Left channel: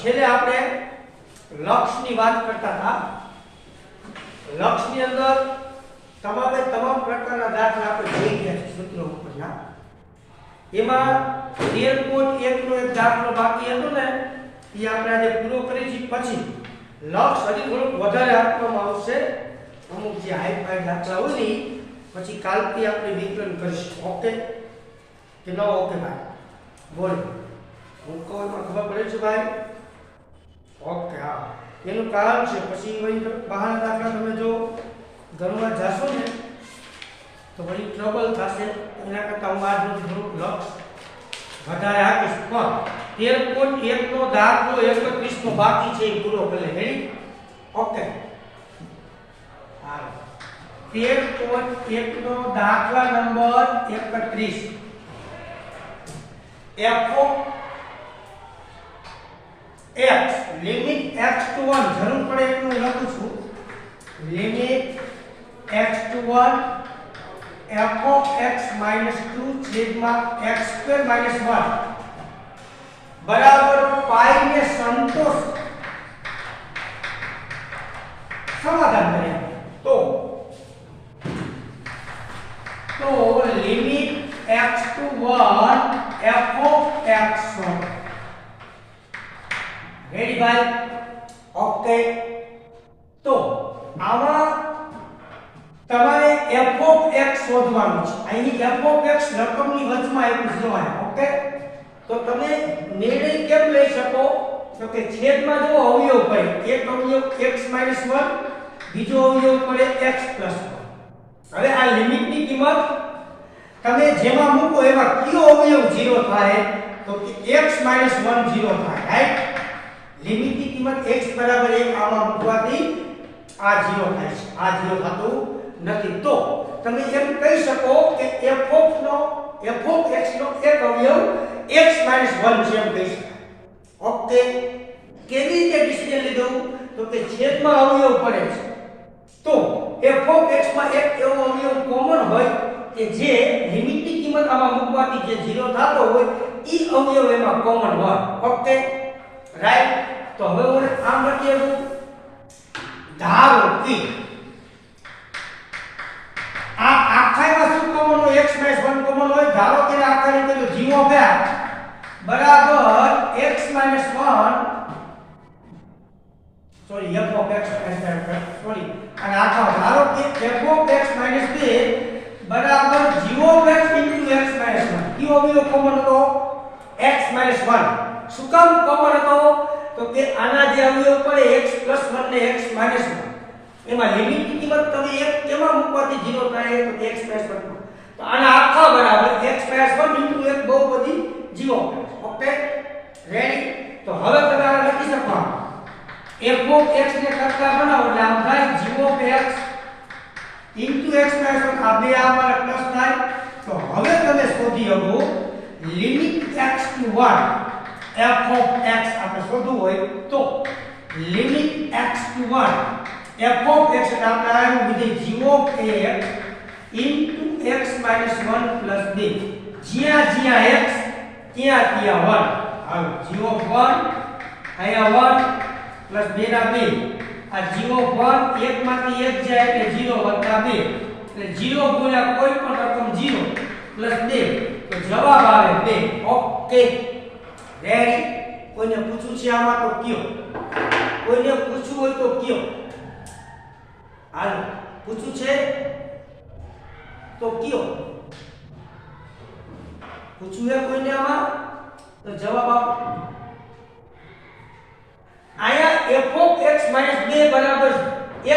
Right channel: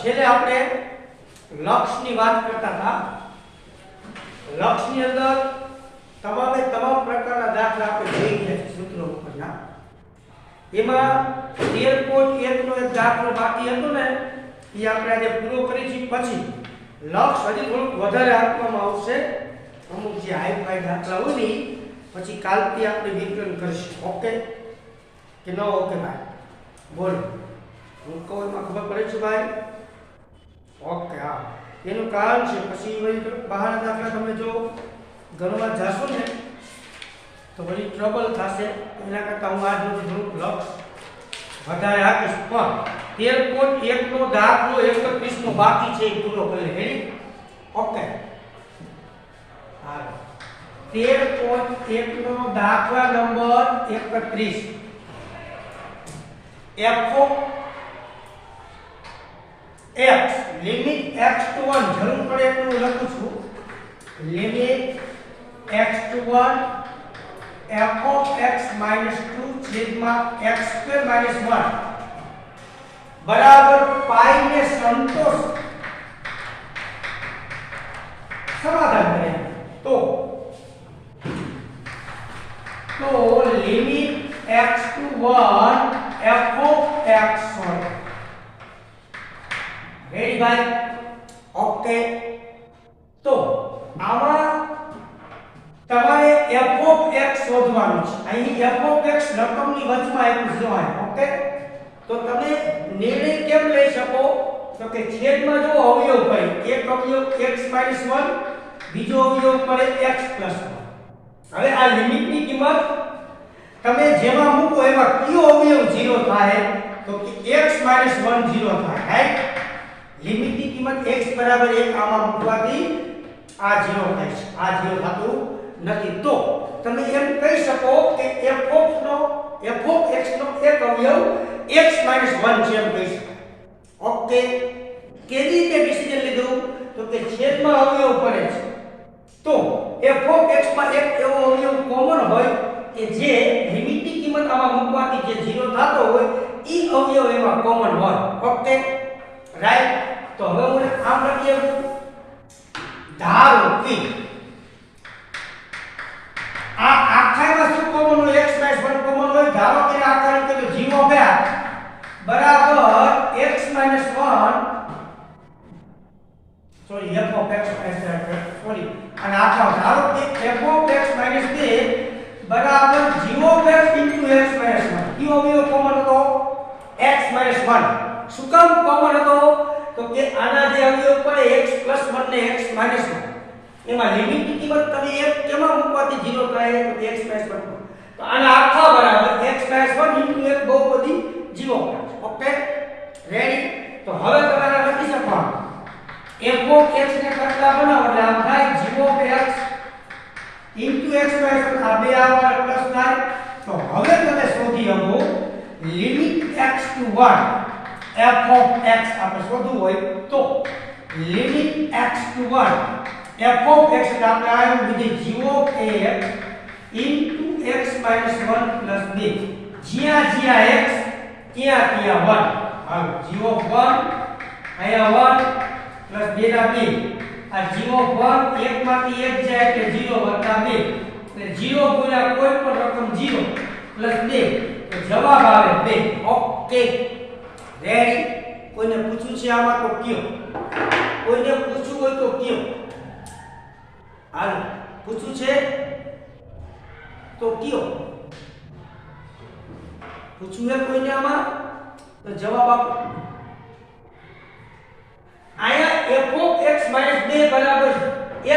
છેલ્લે આપણે લક્ષની વાત કરતા હતા. લક્ષની અંદર તમામ પ્રકારના દાખલા આપણે જોઈ ગયા છે સૂત્રો ઉપરના. એમાં 13.1 નો એક દાખલો બાકી હતો ને, એ આપણે આજે પૂરો કરી છે. પછી લક્ષ હજી થોડુંક વધારે આપવામાં આવશે. અમુક જે હાઈ દાખલા હોય ને પછી કાલથી આપણે વિકલન કરીશું. ઓકે કે ન ઓકે ભાઈ? બોલો, હું કહું એમાં ખબર પડે છે ભાઈ? ઓકે, હા. એનું કારણ છે પછી વળી બહાર દાખલા તમે જો ગણવા જશો ને તો વળી ટ્રબલ થશે. એના કરતાં હું આજનો થોડુંક લક્ષ વધારે આપીશ. પણ 13.1 નો દાખલો 31 નો બાકી છે, એ પૂરો કરી લે. ઓકે, 13.1 નો દાખલા number 31. f of x limit x to 1 જરૂર પડે એટલું લખું છું. Limit x to 1 f of x minus 2 છેદમાં x square minus 1 બરાબર પાઈ ને સંતોષ સમાધાન કરે તો limit x to 1 f of x ready ભાઈ? ઓકે, તો આમાં તમારે f of x શોધવાનું છે. અહીં f of x રકમની વચમાં એક ઝીરો આવે. ઓકે, તો તમે નિર્ણય કેમ લઈ શકો? તો કે છેદમાં જો અવયવ પડે, એક અવયવ x - 1, બીજો અવયવ પડે x + 1. હવે આ લિમિટની કિંમત તમે જેમાં મૂકો એમાં કયો અવયવ 0 થાય? તો કે x - 1 0 થાય. રાઈટ? લિમિટની કિંમત x = 1 આમાં મૂકવાથી આ 0 થાય છે. આ 0 થતું નથી. તો તમે એમ કહી શકો કે f of x નો એક અવયવ x - 1 છે એમ કહી શકાય. ઓકે, કેવી રીતે ડિસિઝન લીધું? તો કે છેદમાં અવયવ પડે છે તો f of x માં એક એવો અવયવ કોમન હોય કે જે લિમિટની કિંમત આમાં મૂકવાથી જે 0 થતો હોય ઈ અવયવ એમાં કોમન હોય. Okay, right? તો હવે હું આમ લખી શકું, ધારો કે આ આખામાં શું કોમન હોય? x - 1 કોમન હોય. ધારો કે આખાનું કીધું g of x બરાબર x - 1 sorry f of x sorry અને આખા ધારો કે f of x - 2 બરાબર g of x into x - 1. કયો અવયવ કોમન હતો? x - 1. શું કામ કોમન હતો? તો કે આના જે અવયવ પડે x + 1 ને x - 1 એમાં લિમિટની કિંમત તમે એક કેમાં મૂકવાથી 0 થાય? તો x - 1. તો આના આખા બરાબર x - 1 into એક બહુ બધી 0. Okay, ready? તો હવે તમારે લખી શકવાનું f of x ને કરતા બનાવો એટલે આમ થાય g of x into x - 1. આ બે આમાં પ્લસ થાય. તો હવે તમે શોધી શકો limit x to 1 f of x આપણે શોધવું હોય તો limit x to 1 f of x એટલે આપણે આનું વિધેય g of x into x - 1 plus 2. જ્યાં જ્યાં x ત્યાં ત્યાં 1. હાલો, g of 1 અહીંયા 1 plus 2 ના 2. આ g of 1 એક માંથી એક જાય એટલે 0 વત્તા 2 એટલે 0 ગુણ્યા કોઈ પણ રકમ 0 plus 2 તો જવાબ આવે 2. Okay, ready? કોઈને પૂછવું છે આમાં તો કયો? કોઈને પૂછવું હોય તો કયો? હાલો, પૂછવું છે તો કયો? પૂછવું છે કોઈને આમાં તો જવાબ આપો. આયા f of x - 2 બરાબર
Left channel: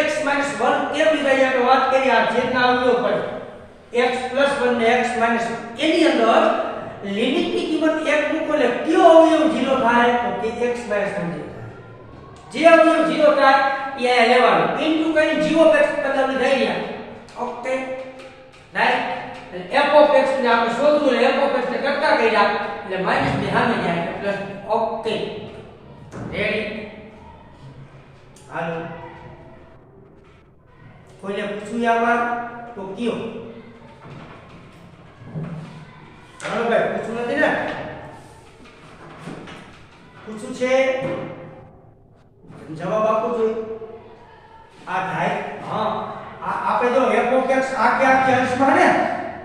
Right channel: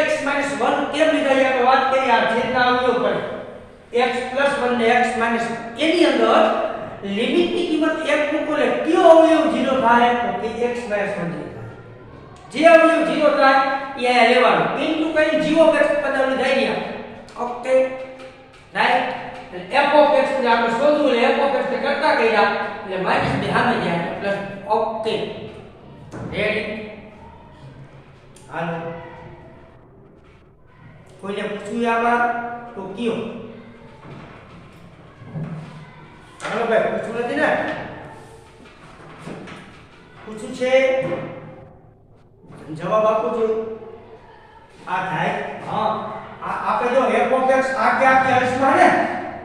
x - 1 કેમ લીધા? આપણે વાત કરી આ છેદના અવયવ પડે x + 1 ને x - 1 એની અંદર લિમિટની કિંમત 1 મૂકો એટલે કયો અવયવ 0 થાય? તો કે x - 1 થાય. જે અવયવ 0 થાય એ આયા લેવાનું ઇન્ટુ કઈ g of x પદાવલી થઈ ગયા. Okay, right? f of x ને આપણે શોધવું એટલે f of x ને કરતા કર્યા એટલે -2 સામે જાય પ્લસ. Okay, ready? હાલો, કોઈને પૂછવું આમાં તો કયો? હાલો ભાઈ, પૂછવું નથી ને? પૂછું છે જવાબ આપો જોઈએ આ થાય હા આપણે જો f of x આ કે અંશમાં હે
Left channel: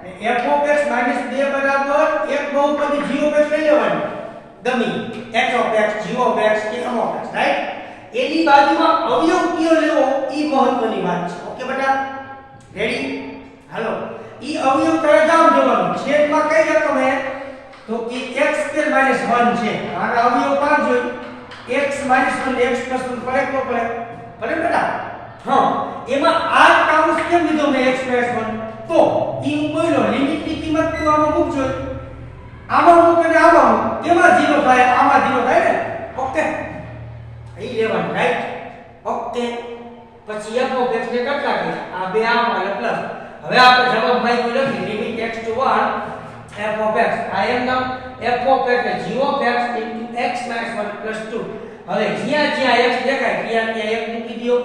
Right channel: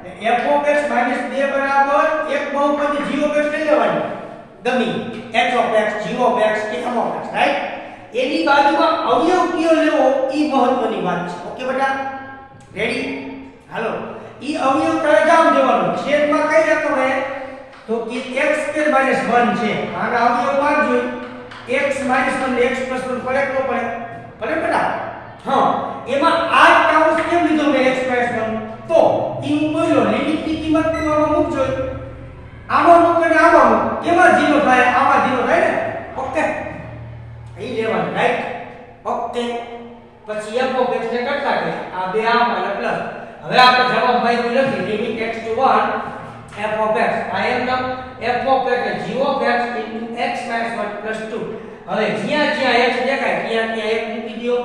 ને f of x - 2 બરાબર એક બહુપદી g of x લઈ લેવાની ગમી h of x g of x કે m of x રાઈટ એની બાજુમાં અવયવ કયો લેવો ઈ મહત્વની વાત છે ઓકે બેટા રેડી હાલો ઈ અવયવ તરત જામ દેવાનું છેદમાં કઈ રકમ હે તો કે x² - 1 છે આને અવયવ પાડ જોઈ x - 1 ને x + 1 પડે તો પડે બેટા હા એમાં આ કાઉન્સ કેમ લીધો મેં x + 1 તો ઈ હું બોલ્યો લિમિટ ની કિંમત તો આમાં મૂકજો આમાં મૂકે ને આમાં મૂક કેમાં 0 થાય આમાં 0 થાય ને ઓકે અહીં લેવાનું રાઈટ ઓકે પછી f of x ને કરતા કે આ બે આમાં પ્લસ હવે આપણે જવાબ માંગ્યો લખી limit x to 1 f of x આ એમ નામ f of x એટલે g of x into x - 1 + 2 હવે જ્યાં જ્યાં x દેખાય ત્યાં ત્યાં 1 મૂકી દો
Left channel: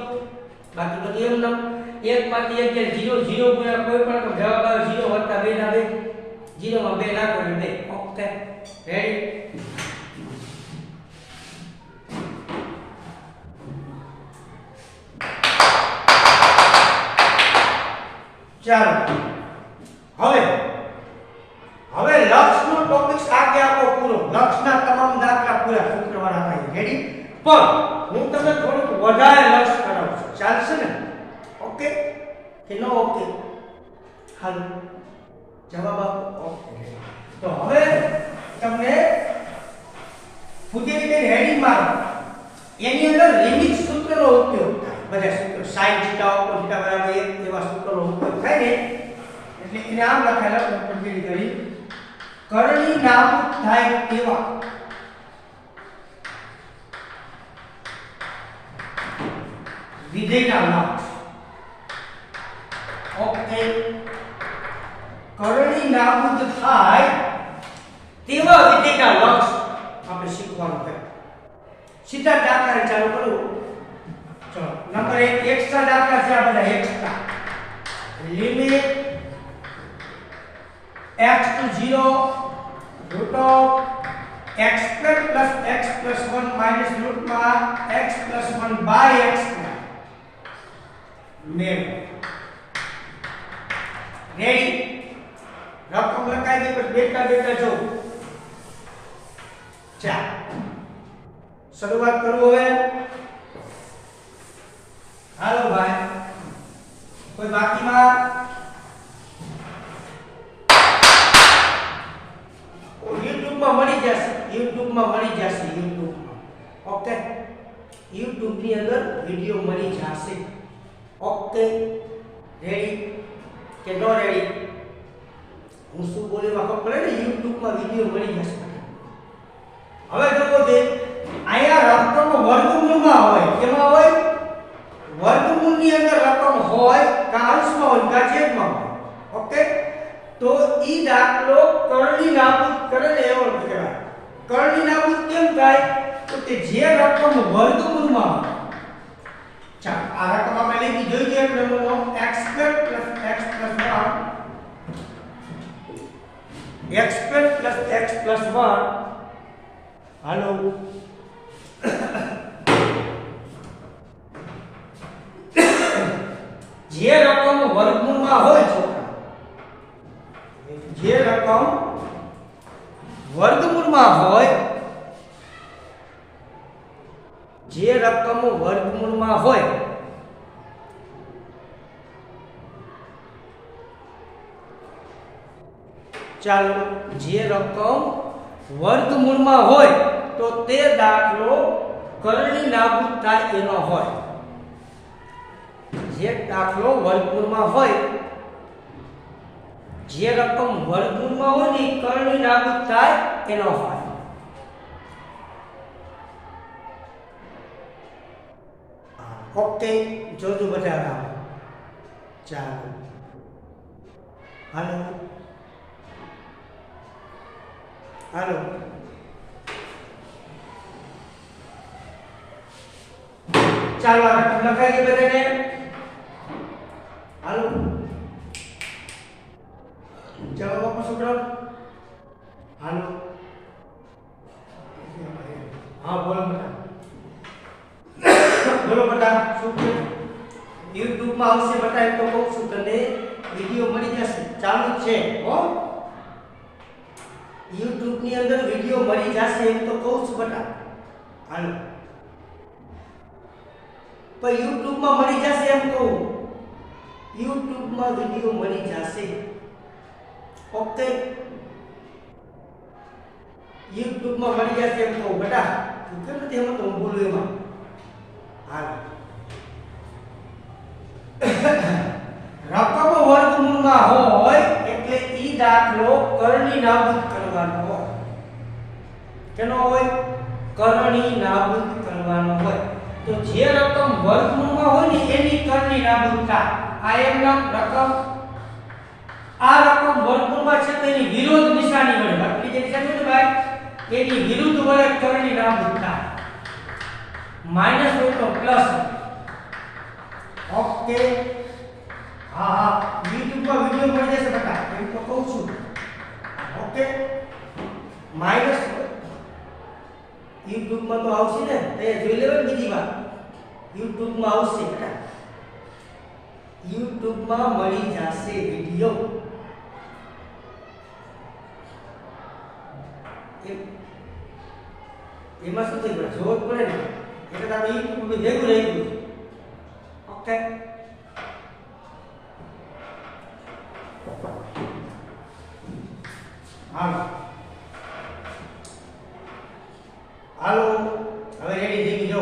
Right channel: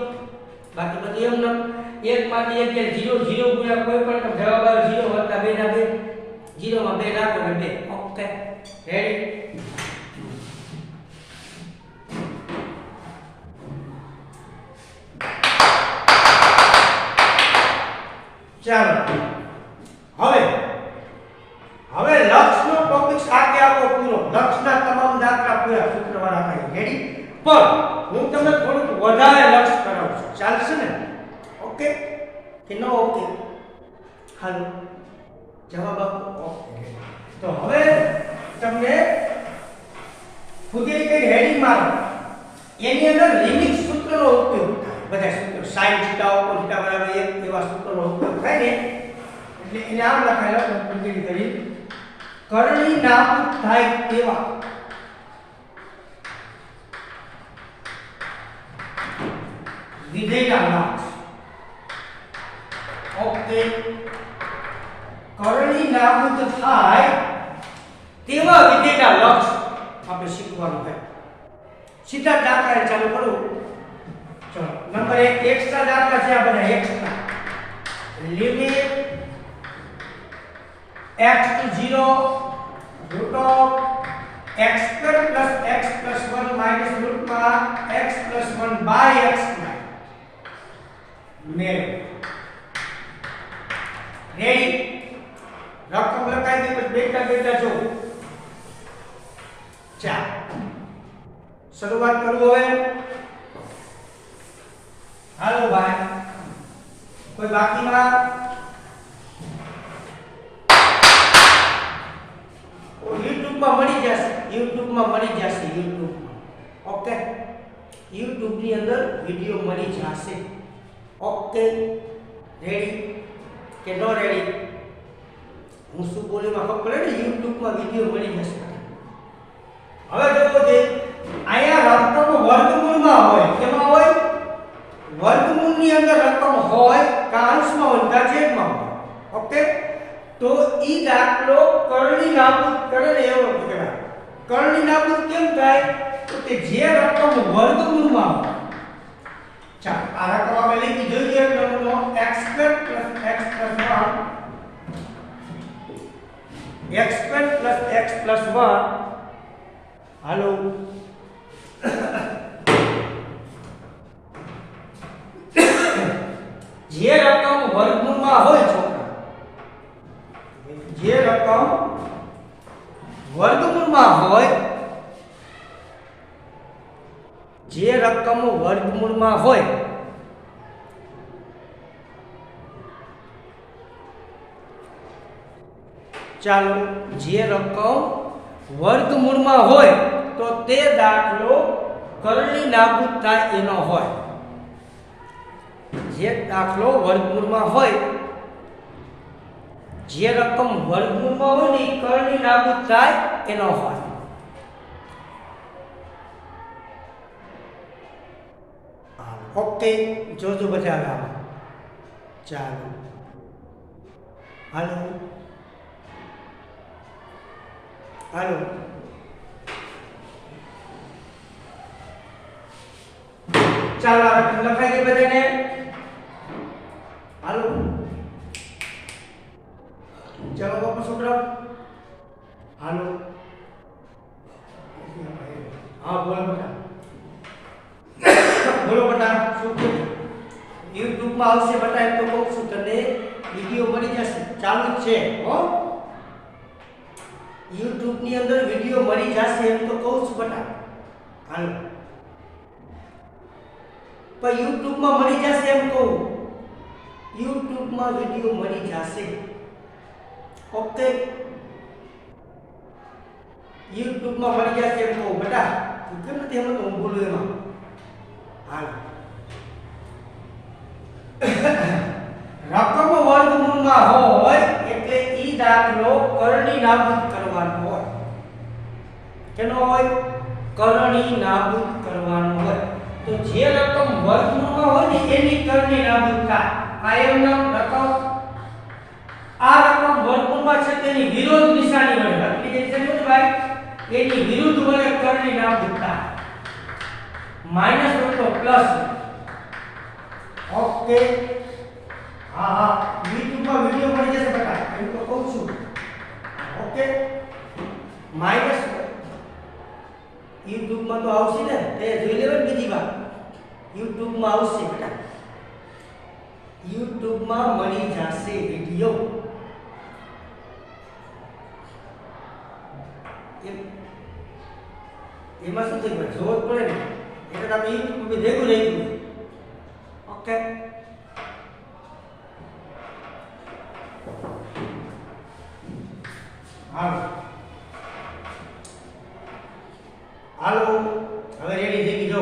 બાકી બધું એમ નામ 1 માંથી 1 એટલે 0 0 ગુણ્યા કોઈ પણ તો જવાબ આવે 0 વત્તા 2 ના 2 0 માં 2 નાખો એટલે 2 ઓકે રેડી ચાલો હવે લક્ષનો ટોપિક્સ આગે આપો પૂરો લક્ષના તમામ દાખલા પૂરા શુક્રવારે થાય રેડી પણ હું તમને થોડુંક વધારે લક્ષ કરાવું છું ચાલશે ને ઓકે કે નો ઓકે હાલો જવાબ આપો ઓકે તો હવે તમને ફુગેરી કઈ હેડિંગ મારો એની અંદર લિમિટ સૂત્રનો ઉપયોગ થાય બધા સૂત્રો sin θ ઉપર θ બરાબર 1 એવા સૂત્રનો ઉપયોગ થાય ને એટલે એને આમ લખાયેલા ફુગેરી કરી કરણી નાબૂદ થાય તેવા વિધેયના લક્ષ ઓકે કરણી નાબૂદ થાય તેવા વિધેયના લક્ષ આપણે શીખવાનું છે સીધા દાખલા ચાલુ કરું ચલો નંબર 1 x ના દાખલા છે આ બધા x ના limit x to 0 root of x² + x + 1 minus root માં x + 1 by x મેળ રેડી રકમ લખાઈ દે પછી બેટા જો ચાલ શરૂઆત કરું હવે હાલો ભાઈ કોઈ બાકીમાં YouTube માં મળી જશે YouTube માં ઓકે YouTube ની અંદર વિડિયો મળી જશે ઓકે રેડી કે નો રેડી હું શું બોલીમાં ખબર પડે ને YouTube માં વિડિયો મળી જશે હવે જોવો દે આયા રકમ વર્ગમૂળમાં હોય કેમાં હોય વર્ગમૂળની અંદર રકમ હોય કાંશમાં હોય કે છેદમાં હોય ઓકે તો ઈ દાખલો કરણી નાબૂદ કરે ને એવો કહેવાય કરણી નાબૂદ કેમ થાય તો તે જે રકમ વર્ગમૂળમાં હોય ચાલો આ રકમ આપણે લખી જોઈએ નમૂનો x² + x + 1 x² + x + 1 હાલો જે રકમ વર્ગમૂળમાં હોય છોકરા જે રકમ વર્ગમૂળમાં હોય ચાલો જે રકમ વર્ગમૂળમાં હોય તો તે દાખલો કરણી નાબૂદ થાય એનો હોય જે દાખલો વર્ગમૂળમાં હોય જે રકમ વર્ગમૂળમાં હોય ને કરણી નાબૂદ થાય એનો હોય ઓકે જોજો બધા ચાલો હાલો હાલો ચાલો લખાઈ ગઈ બધાને હાલો જવાબ આપો છોકરા હાલો હા બોલો બેટા શું કે YouTube માં આવશે બેટા એમ તો કહું છું તને વિડિયો મળી જશે ચાલુ જ છે હો YouTube ની અંદર વિડિયો મળી જશે એમ તો કહું છું બેટા હાલો પણ YouTube માં મળી જશે એમ કહું YouTube માં વિડિયો મળી જશે ઓકે YouTube માં મળી જશે એમ કહું બેટા તું કેમ નથી એમ તો હું બોલું એમાં હાલ રકમ વર્ગમૂળમાં હોય એટલે ઈ દાખલો કરણી નાબૂદ કરવાનો હોય કેનો હોય કરણી નાબૂદ કરવાનો હોય તો જે રકમ વર્ગમૂળમાં હોય ને એની કરણી નાબૂદ થાય આ એમ નામ રકમ આ રકમ વર્ગમૂળમાં છે તેની વિરુદ્ધ નિશાની વડે વર્ગની જે નિશાની હોય ભાઈ એની વિરુદ્ધ વડે કરણી નાબૂદ થાય માઈનસ હોય તો પ્લસ ઓકે હા હા YouTube માં વિડિયો મળી જશે બેટા એમ તો કહું છું ઓકે માઈનસ YouTube માં તો આવશે ને એ જોઈ લેવા બીજી વાર YouTube માં આવશે બેટા YouTube માં મળી જશે વિડિયો એમાં શું થઈ ગયું જોત પડે ને એટલે તમે YouTube માં ભેગું રહી ગયું ઓકે હાલો હવે રેડી થઈ ગઈ જો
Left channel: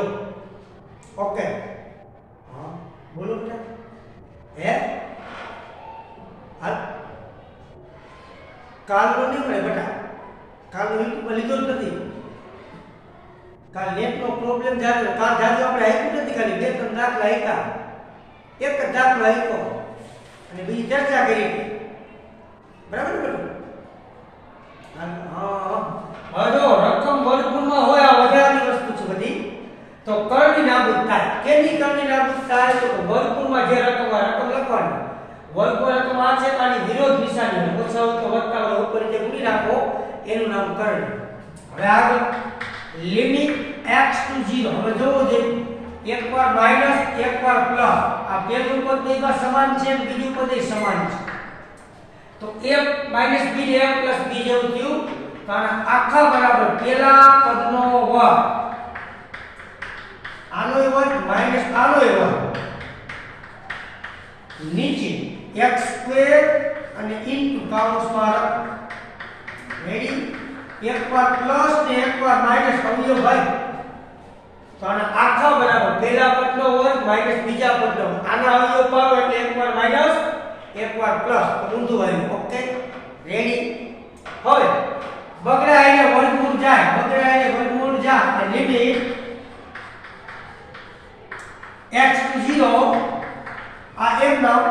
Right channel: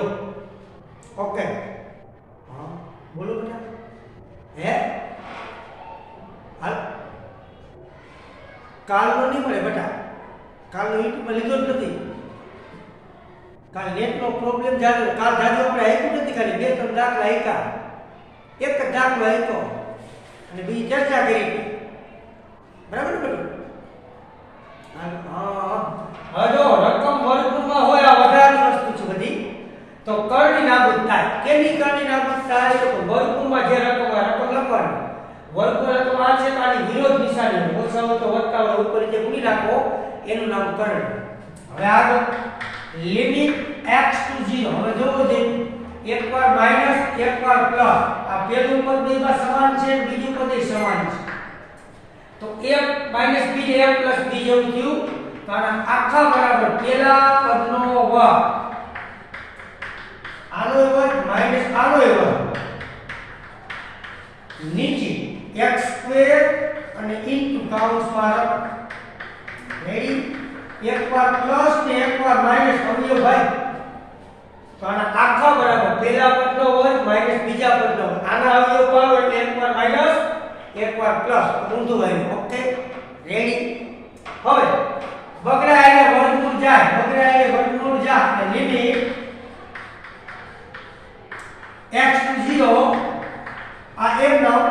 ઓકે હા બોલો બેટા હે હાલ કાલનો નહીં મળે બેટા કાલનો YouTube માં લીધો જ નથી કાલ નેટનો પ્રોબ્લેમ જાજો કાલ જાજો આપણે આપ્યું નથી ખાલી બે ત્રણ દાખલા આપ્યા એક જ દાખલો આપ્યો અને બીજી ચર્ચા કરી બરાબર બોલો હા હવે જો રકમ વર્ગમૂળમાં હોય આ વધારાની વસ્તુ છે બધી તો કરણી નાબૂદ થાય કેની કરણી નાબૂદ થાય તો વર્ગમૂળમાં જે રકમ હોય રકમ લખવાની વર્ગમૂળ રકમ આ છે આની વિરોધ નિશાની હોય ઓછા હોય તો વધતા હોય ઉપર જે મૂકી રાખો એનું નામ કરણી હવે આગળ લિમિટ x to 0 હવે જોવો જોઈએ એકવાર માઈનસ એકવાર પ્લસ આ પહેલું પદ બેમાં સમાન છે બીજું પદ સમાન છે તો a minus b a plus b જેવું થયું તો આખા બરાબર પહેલા પદનો વર્ગ આનો વર્ગ માઈનસ આનો વર્ગ નીચે x² અને ઇન્ટુ કાઉન્સમાં રેડી એકવાર પ્લસ ને એકવાર માઈનસ અવયવ ભાઈ તો આના આખા બરાબર પહેલા પદનો વર્ગ માઈનસ બીજા પદનો વર્ગ આના અવયવ પાડો એટલે એકવાર માઈનસ એકવાર પ્લસ તો ઊંધું આવ્યું ઓકે રેડી હવે બગડા આઈને વર્ગમૂળ જાય એટલે લિમિટ x to 0 આ એમ નામ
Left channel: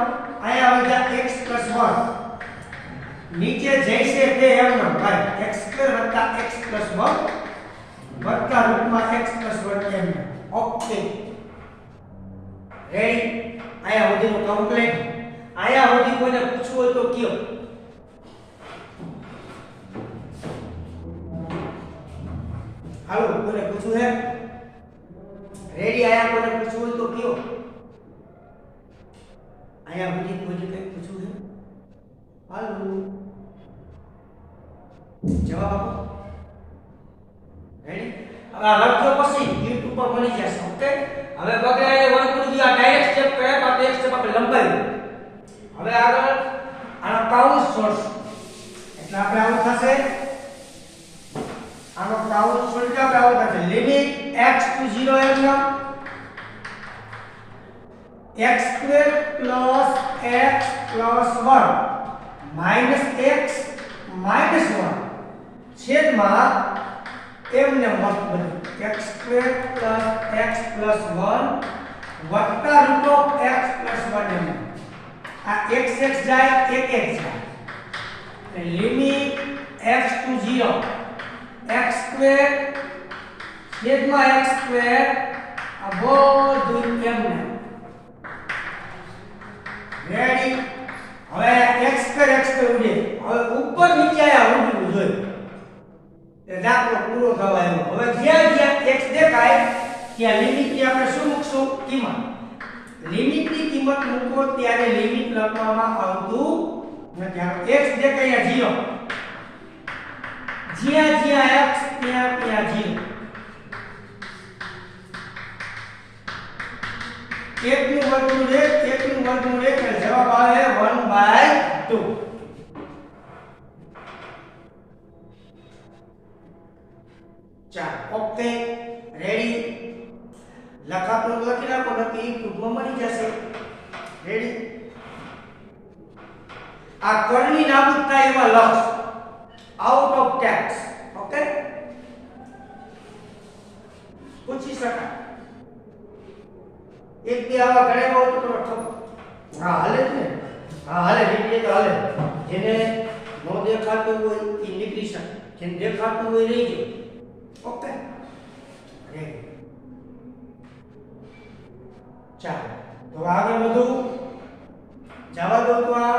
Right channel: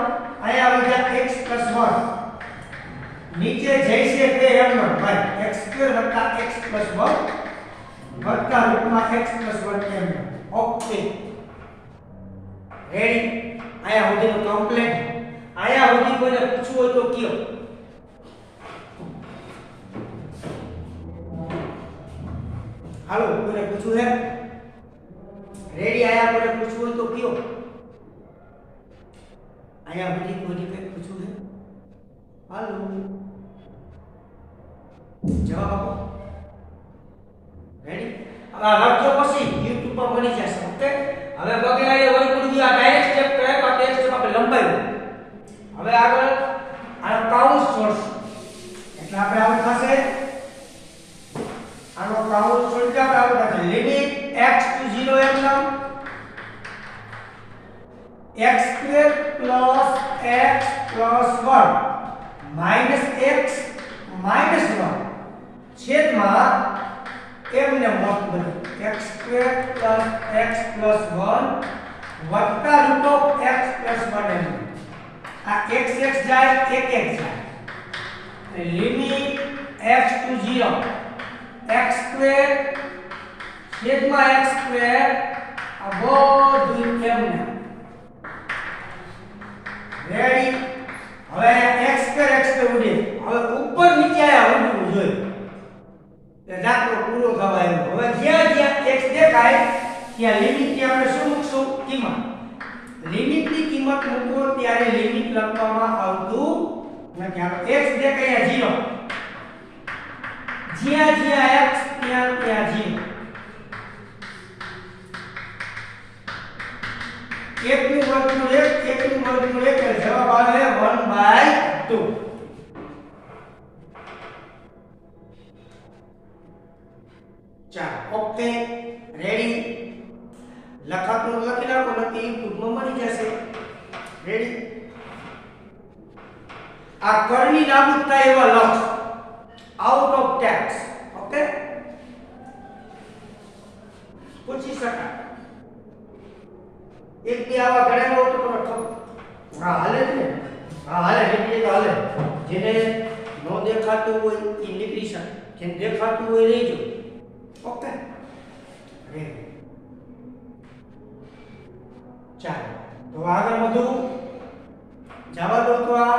અહીંયા આવી જાય x + 1 નીચે જઈશે તે એમ નામ ભાઈ x² + x + 1 વત્તા રૂપમાં x + 1 એમ ઓકે રેડી આયા સુધીનું કમ્પ્લીટ આયા સુધી કોઈને પૂછવું હોય તો કયો હાલો કોઈને પૂછવું હે રેડી આયા કોઈને પૂછવું હોય તો કયો આયા સુધી કોઈને કંઈ પૂછવું હે હાલો જવાબ આપો રેડી હવે આ લખજો પછી YouTube પર મળી જશે ઓકે હવે બગડાએ વર્ગમૂળ આ ડાયરેક્ટ સ્ટેપ કર્યા પણ તે સ્ટેપ આપણે લંબાવ્યું હવે આગળ આનો કાઉન્સ સોર્સ એટલે આપણે આવું થશે આનો કાઉન્સ સોર્સ આપણે આવું થશે લિમિટ x to 0 એમ નામ x² + x + 1 minus x minus 1 છેદમાં એમને મત બને x² + x + 1 વત્તા રૂટ ઓફ x + 1 એમ આ x x જાય એક x જાય એટલે લિમિટ x to 0 x² છેદમાં x² આ બધું એમને રેડી હવે x² ઉડે હવે ઉપર નીચે આયા ઉડવું જોઈએ એ દાખલો પૂરો થવા આવ્યો હવે જ્યાં જ્યાં x દેખાય ત્યાં લિમિટ ની આપણે શું મૂકશું? કિંમત. લિમિટ ની કિંમત મૂકો ત્યારે લિમિટ લખવામાં આવતું નથી. આનો x જે કયા 0, જ્યાં જ્યાં x ત્યાં ત્યાં 0. 1 નું વર્ગમૂળ 1, 1 નું વર્ગમૂળ 1 એટલે જવાબ આવે 1/2. ચાલો ઓકે રેડી. લખાતું લખી નાખો, નક્કી ટૂંકમાં મળી જશે. રેડી. આ કરણી નાબૂદ થાય એવા લક્ષ આઉટ ઓફ ટેક્સ. ઓકે પૂછી શકાય. એક બે આવા ઘણા હોય તો તમે હા હાલે જ ને. હા હાલે નીકળી તો હાલે. જેને નો દેખાતું હોય એ નીકળી શકે, જેને દેખાતું હોય રહેજો. Okay ready. ચાલો તો આગળ વધુ જવા દો. તો આ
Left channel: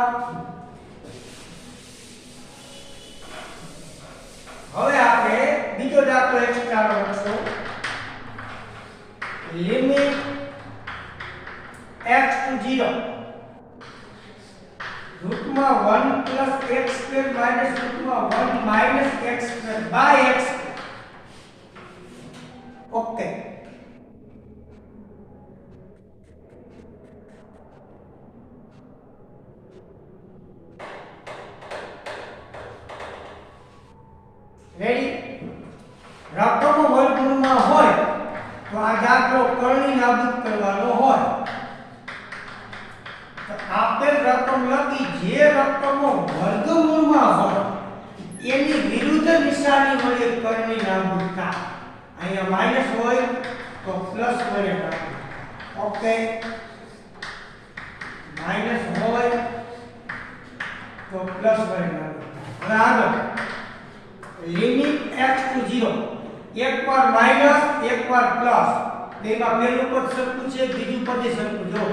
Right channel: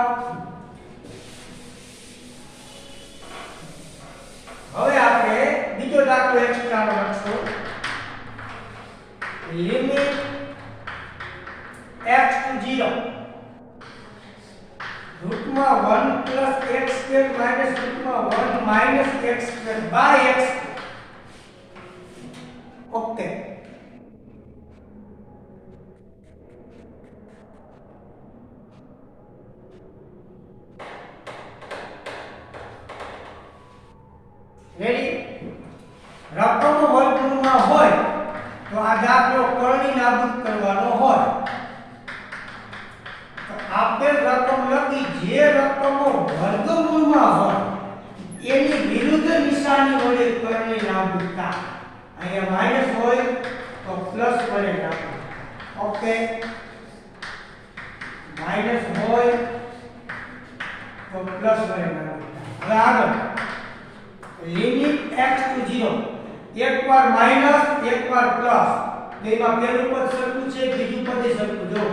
હવે આપણે બીજો દાખલો એક્સ્ટ્રા લખશું. Limit x to 0 રૂટમાં 1 plus x square minus રૂટમાં 1 minus x square by x. Okay ready. રકમ વર્ગમૂળમાં હોય તો આ દાખલો કરણી નાબૂદ કરવાનો હોય. તો આપેલ રકમ લખી જે રકમો વર્ગમૂળમાં હોય એની વિરુદ્ધ નિશાની વડે કરણી નાબૂદ થાય. અહીંયા માઈનસ હોય તો પ્લસ વડે નાબૂદ. ઓકે માઈનસ હોય તો પ્લસ વડે નાબૂદ. હવે આગળ લિમિટ x to 0 એકવાર માઈનસ એકવાર પ્લસ. બેમાં પહેલું પદ સરખું છે, બીજું પદ સરખું. જો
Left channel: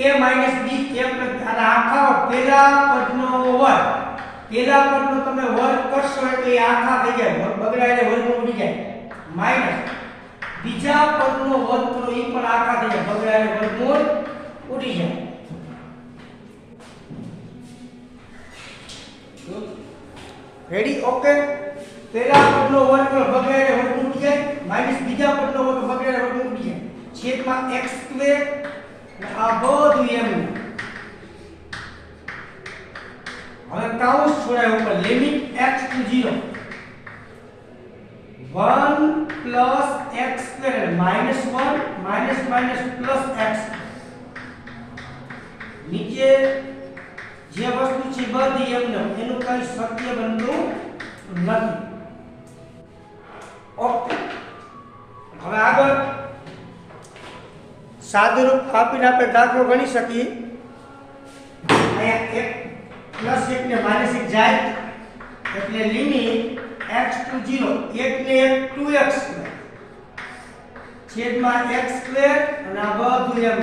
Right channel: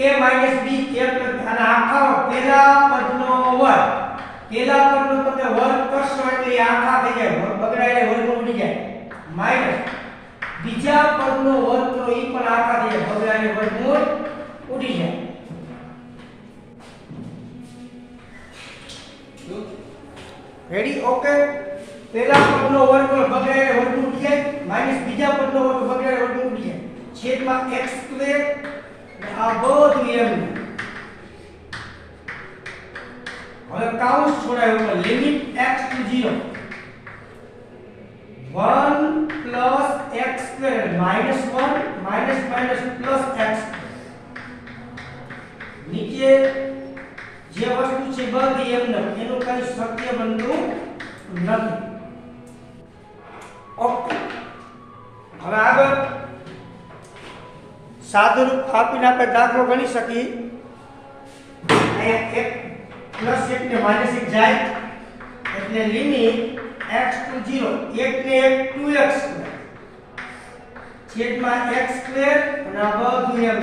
a minus b a plus અને આખા પહેલા પદનો વર્ગ. પહેલા પદનો તમે વર્ગ કરશો એટલે આખા થઈ જાય, બગડાઈને વર્ગમૂળ થઈ જાય. માઈનસ બીજા પદનો વર્ગ કરો એ પણ આખા થઈ જાય, બગડાઈને વર્ગમૂળ ઉડી જાય. રેડી. ઓકે પહેલા પદનો વર્ગ બગડાઈને વર્ગમૂળ ઉડી જાય, માઈનસ બીજા પદનો વર્ગ બગડાઈને વર્ગમૂળ ઉડી જાય. છેદમાં x સ્ક્વેર આ બધું એમ. હવે કાઉન્સ છોડાય ઉપર. Limit x to 0 1 plus x square minus 1 minus minus plus x. નીચે જે વસ્તુ છે બધી એમ એનું કઈ સત્ય બનતું નથી. ઓકે હવે આગળ સાદુરૂપ આપીને આપણે દાખલો ગણી શકીએ. અહીંયા 1 + 1 ને -1 જાય એટલે લિમિટ x to 0 1 ને 1 2x છેદમાં x સ્ક્વેર અને આ બધું એમ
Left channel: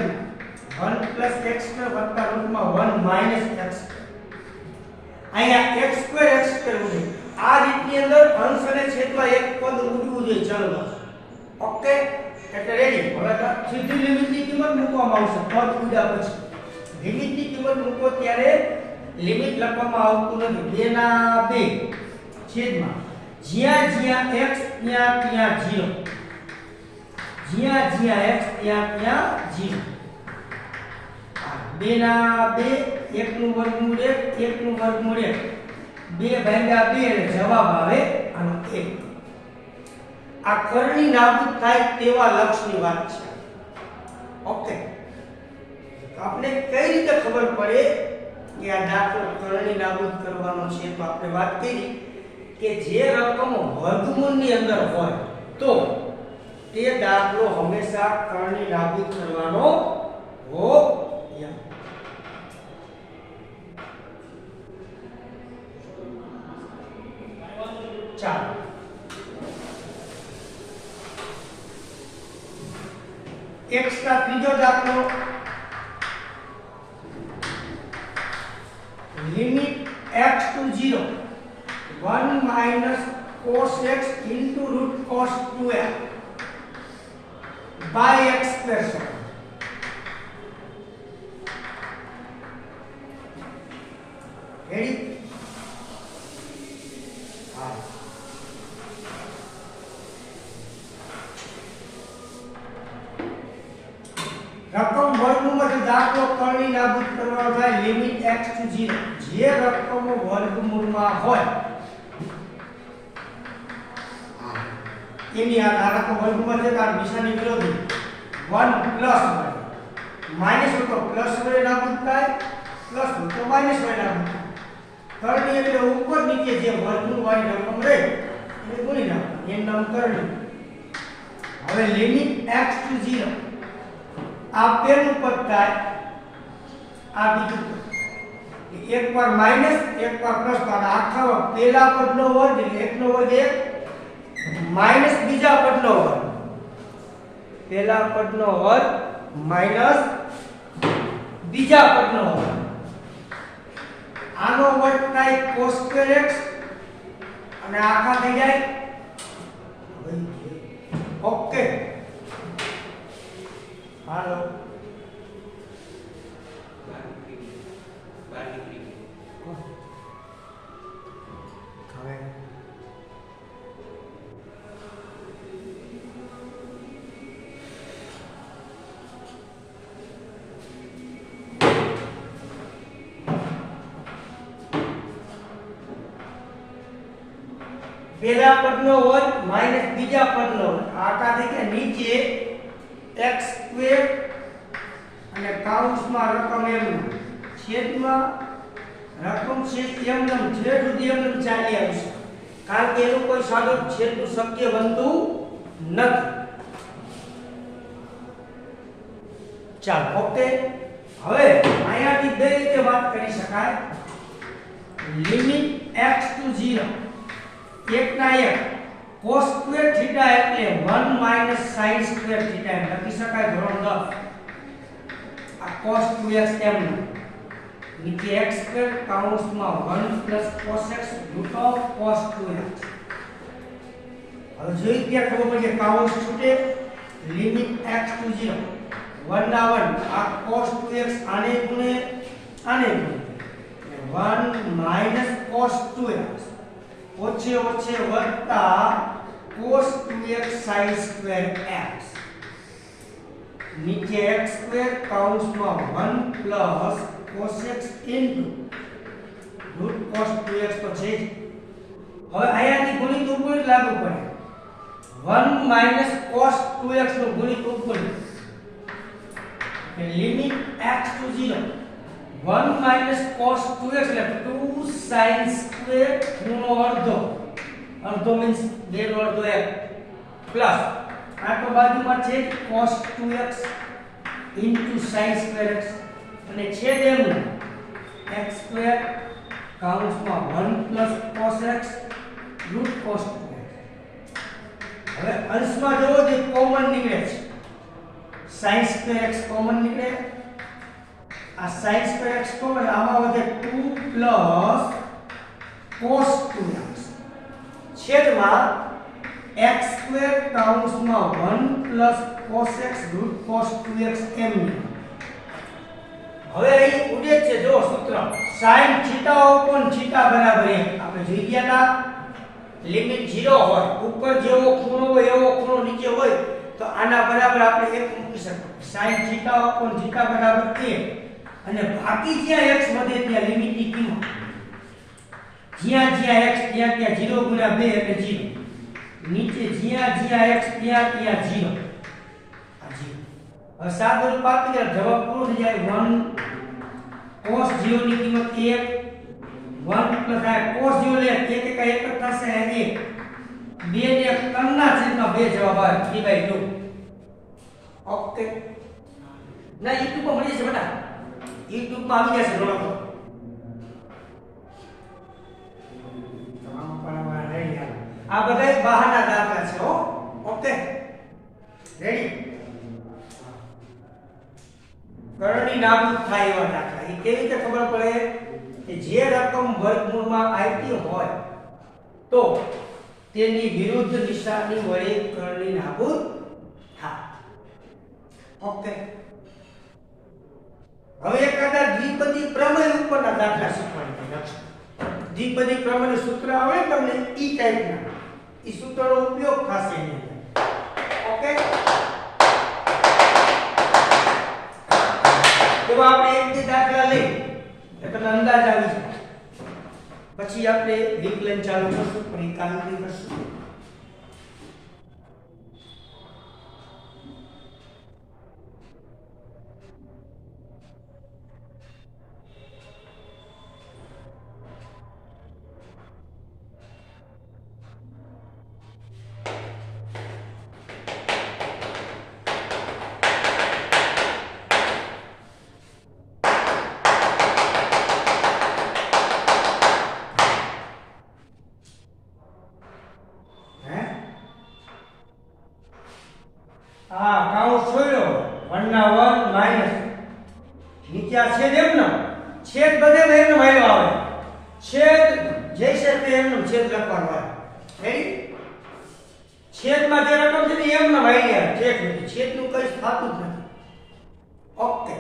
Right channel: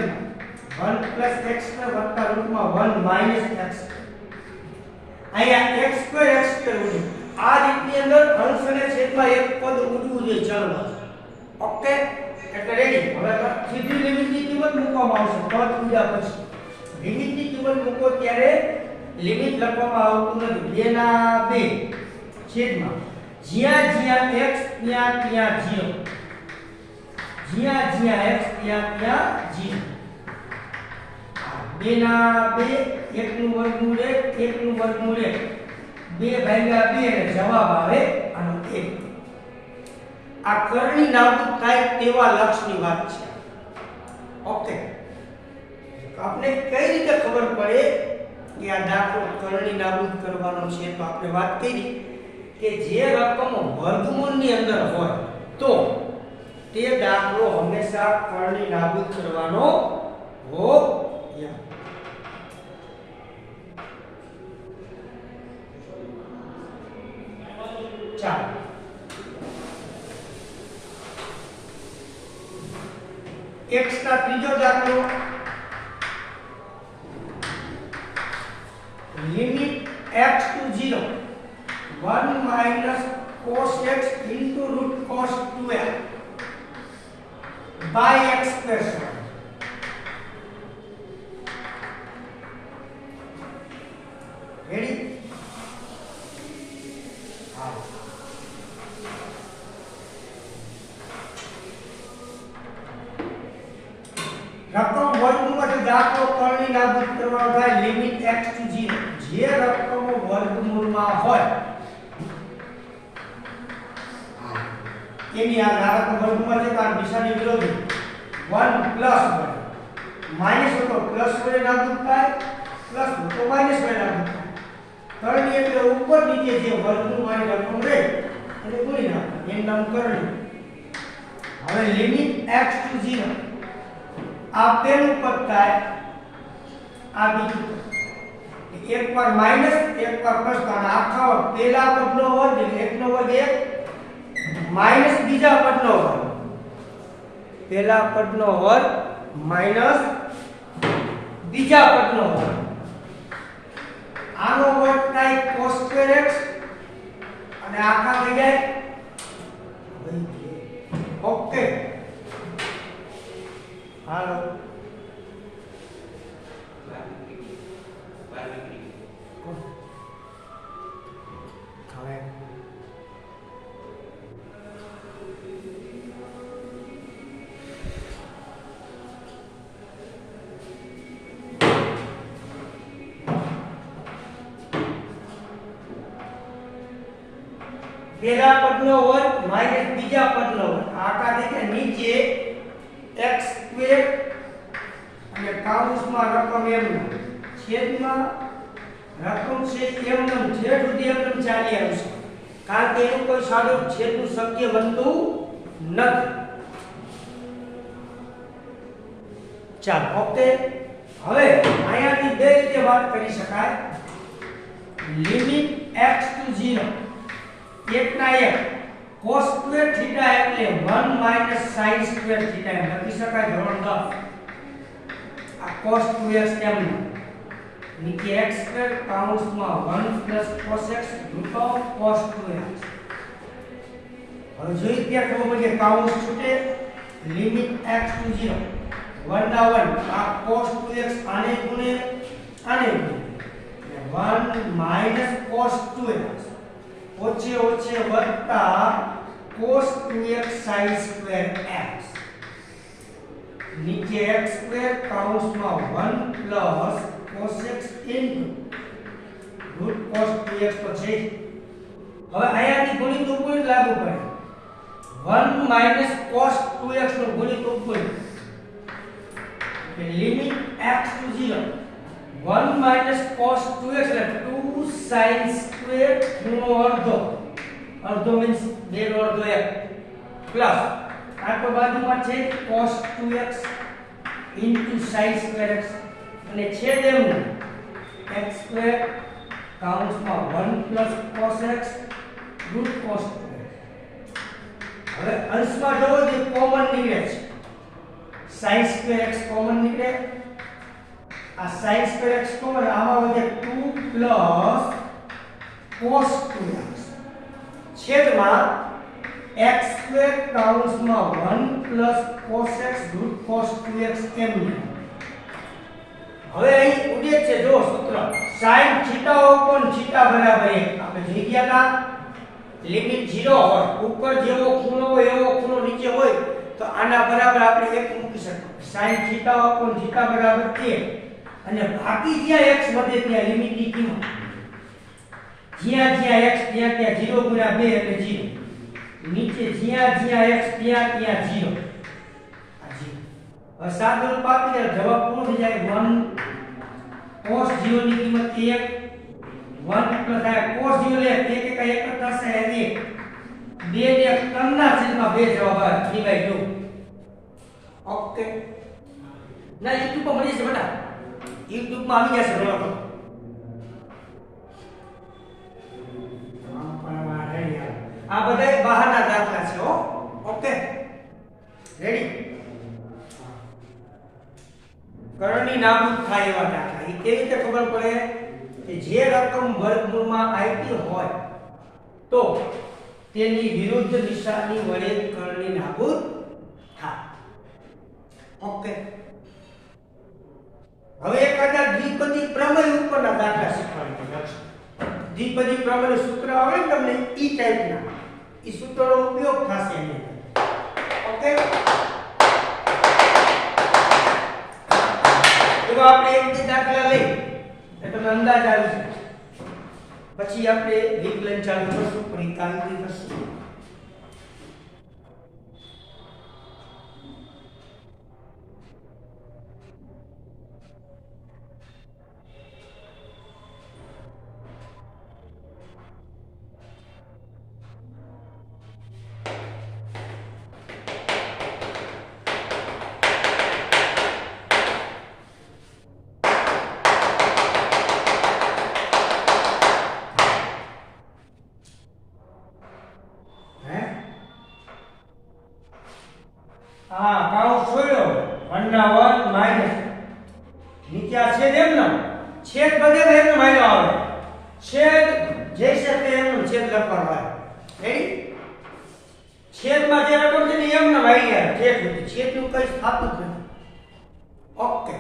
1 + x સ્ક્વેર વત્તા રૂટમાં 1 - x. અહીંયા x સ્ક્વેર ઉડે. આ રીતની અંદર અંશ અને છેદમાં એક પદ ઉડવું જોઈએ. ચાલો ઓકે એટલે રેડી. હવે સીધી લિમિટની કિંમત મૂકવામાં આવશે. પદ ઉડ્યા પછી લિમિટની કિંમત મૂકો ત્યારે લિમિટ લખવામાં આવતું નથી. 2 ના 2 છેદમાં જ્યાં જ્યાં x ત્યાં ત્યાં 0, જ્યાં જ્યાં x ત્યાં ત્યાં 0. 2 ના 2 1 નું વર્ગમૂળ 1 1 નું વર્ગમૂળ 1 2/2 એટલે જવાબ આવે આનો 1. આ કરણી નાબૂદ થાય તેવા લક્ષની વાત છે. ઓકે આપણે કઈ રીતે ખબર પડે કે આ દાખલો કરણી નાબૂદ કરવાનો છે? તો આપણે વાત કરી કે જે રકમો વર્ગમૂળની અંદર હોય તો તે દાખલો હંમેશા કરણી નાબૂદ કરવાનો હોય. ચાલો x ના ત્રીજો દાખલો. Limit x to 0 1 - cos x into root cos 2x. By x square સમાન. રેડી? હા. રકમ વર્ગમૂળમાં જો દાખલો કરણી નાબૂદ કરવાનો થાય લિમિટ x to 0 જે રકમો વર્ગમૂળમાં હોય એની આ ધારકો વર્ગમૂળ છે તાર નિશાની વિરોધી 1 પ્લસ હોય માઈનસ હોય તો પ્લસ વડે નાબૂદ થાય પ્લસ હોય તો માઈનસ વડે નાબૂદ થાય. કરણી એટલે ઉપર નીચે જે વર્ગમૂળ વાળી રકમ રહે એને ગુણી નાખો એનું નામ કરણી. હવે લિમિટ x to 0 આ પેલું પદ થાય આ બીજું પદ એકવાર માઈનસ એકવાર પ્લસ તો આખા પેલા પદનો વર્ગ એટલે 1 નો વર્ગ 1 માઈનસ બીજા પદનો વર્ગ પેલા પદનો વર્ગ માઈનસ બીજા પદનો વર્ગ આનો વર્ગ થાય cos સ્ક્વેર x અને આખા થઈ જાય ઓકે. હાલો પેલા પદનો વર્ગ માઈનસ બીજા પદનો વર્ગ આખા થઈ ગયા નીચે x સ્ક્વેર અને કાઉન્સમાં રકમ m છેદમાં રકમ છે m છેદ સુધી m ચાલી આવશે કારણ કે એનું કોઈ સાદો છેદનું શક્ય બનતું નથી. ચાલો ઓકે. હવે અહીંયાથી બે રીતે વાત કરી શકાય લિમિટ x to 0 1 ના 1 cos સ્ક્વેર થીટા એટલે 1 માઈનસ sin સ્ક્વેર થીટા એમ લખી શકાય ધોરણ 10. આ cos 2x એમ નીચે x સ્ક્વેર કાઉન્સમાં 1 plus cos x root of cos 2x. હવે જોઈ ત્યાં ખબર પડે કાઉન્સ છૂટે લિમિટ x to 0 1 ના 1 આ cos 2x આને ગુણે 1 માઈનસ cos 2x ઓછે ઓછે વત્તા cos 2x sin square x નીચે x સ્ક્વેર કાઉન્સમાં 1 plus cos x into root cos 2x તો છે જ. હવે અહીંયાથી ગુણિત ઉપગુણિત લાગુ પડે 1 માઈનસ cos 2x નો ગુણિત ઉપગુણિત limit x to 0 1 minus cos 2x એટલે 2 sin સ્ક્વેર ખૂણો અડધો અડધો મીન્સ 2 નો અડધો 1 પ્લસ આ તો બાજુમાં છે cos 2x into sin square x અને છેદ એમનું x સ્ક્વેર કાઉન્સમાં 1 plus cos x root cos 2x. હવે અંશમાં જોવો જે કોમન નીકળે છે sin સ્ક્વેર x કોમન નીકળે આ sin સ્ક્વેર x કોમન આમાં વધે 2 પ્લસ cos 2x છેદમાં x સ્ક્વેર કાઉન્સમાં 1 plus cos x root cos 2x એમ. હવે અહીં ઉદેશ છે જો સૂત્ર sin થીટા upon થીટા બરાબર 1 આપણે જોઈ ગયા હતા લિમિટ 0 હોય ઉપર જેવો ખૂણો હોય એવો ખૂણો નીચે હોય તો આના બરાબર આપણે 1 મૂકી શકીએ sin થીટા upon થીટા બરાબર 1 અને બાકી જ્યાં x વધે ત્યાં લિમિટની કિંમત જ્યાં જ્યાં x ત્યાં ત્યાં 0 ગુણ્યા 2 એટલે 0 નીચે જ્યાં જ્યાં x ત્યાં ત્યાં 0 આ 0. હવે સાદું રૂપ આપીને જવાબ પૂરો થઈ જાય 1 cos 0 ની કિંમત 1 1 પ્લસ આ cos 0 લે 1 1 જ થશે 1 2 ને 3 ના છેદમાં 2 જવાબ આવે 3/2. ઓકે ના YouTube પર મળી જશે બેટા YouTube માં આવી જશે રોલો આ બધા બહારના દાખલા છે હો. Okay ready. કરણી નાબૂદ થાય એવા દાખલા એ કેવી રીતે ખબર પડે કે જે રકમ વર્ગમૂળમાં આવી હોય તો તેની વિરુદ્ધ નિશાની વડે કરણી નાબૂદ થાય. ઓકે, હવે એકાદા દ્વિપદી પ્રમેય ઉપરના દાખલા શીખવાની છે. દ્વિપદી પ્રમેયનું સૂત્ર આવે ને તમને ઈ ટાઈપના, ઈ સૂત્રનો ઉપયોગ થશે એની અંદર. ઓકે, તો આપણે એક દાખલા લઈ એટલે તમને અંદાજ આવી જાય. પછી આપણે વિકલન ચાલુ કરશું, પણ એ કાલથી કરશું. કાઉન્સ જોયો 1 ના 1 માઈનસ નીચે આ છેદ એમનો છેદ બધે એમનો માર્યો આવે. છેદ જે છે તે એમનો છેદ લખવાનો આવે. રેડી? છેદમાં જે રકમ છે ને એમનો મારી આવે. છેદનું કઈ થતું જ નથી. ઓકે,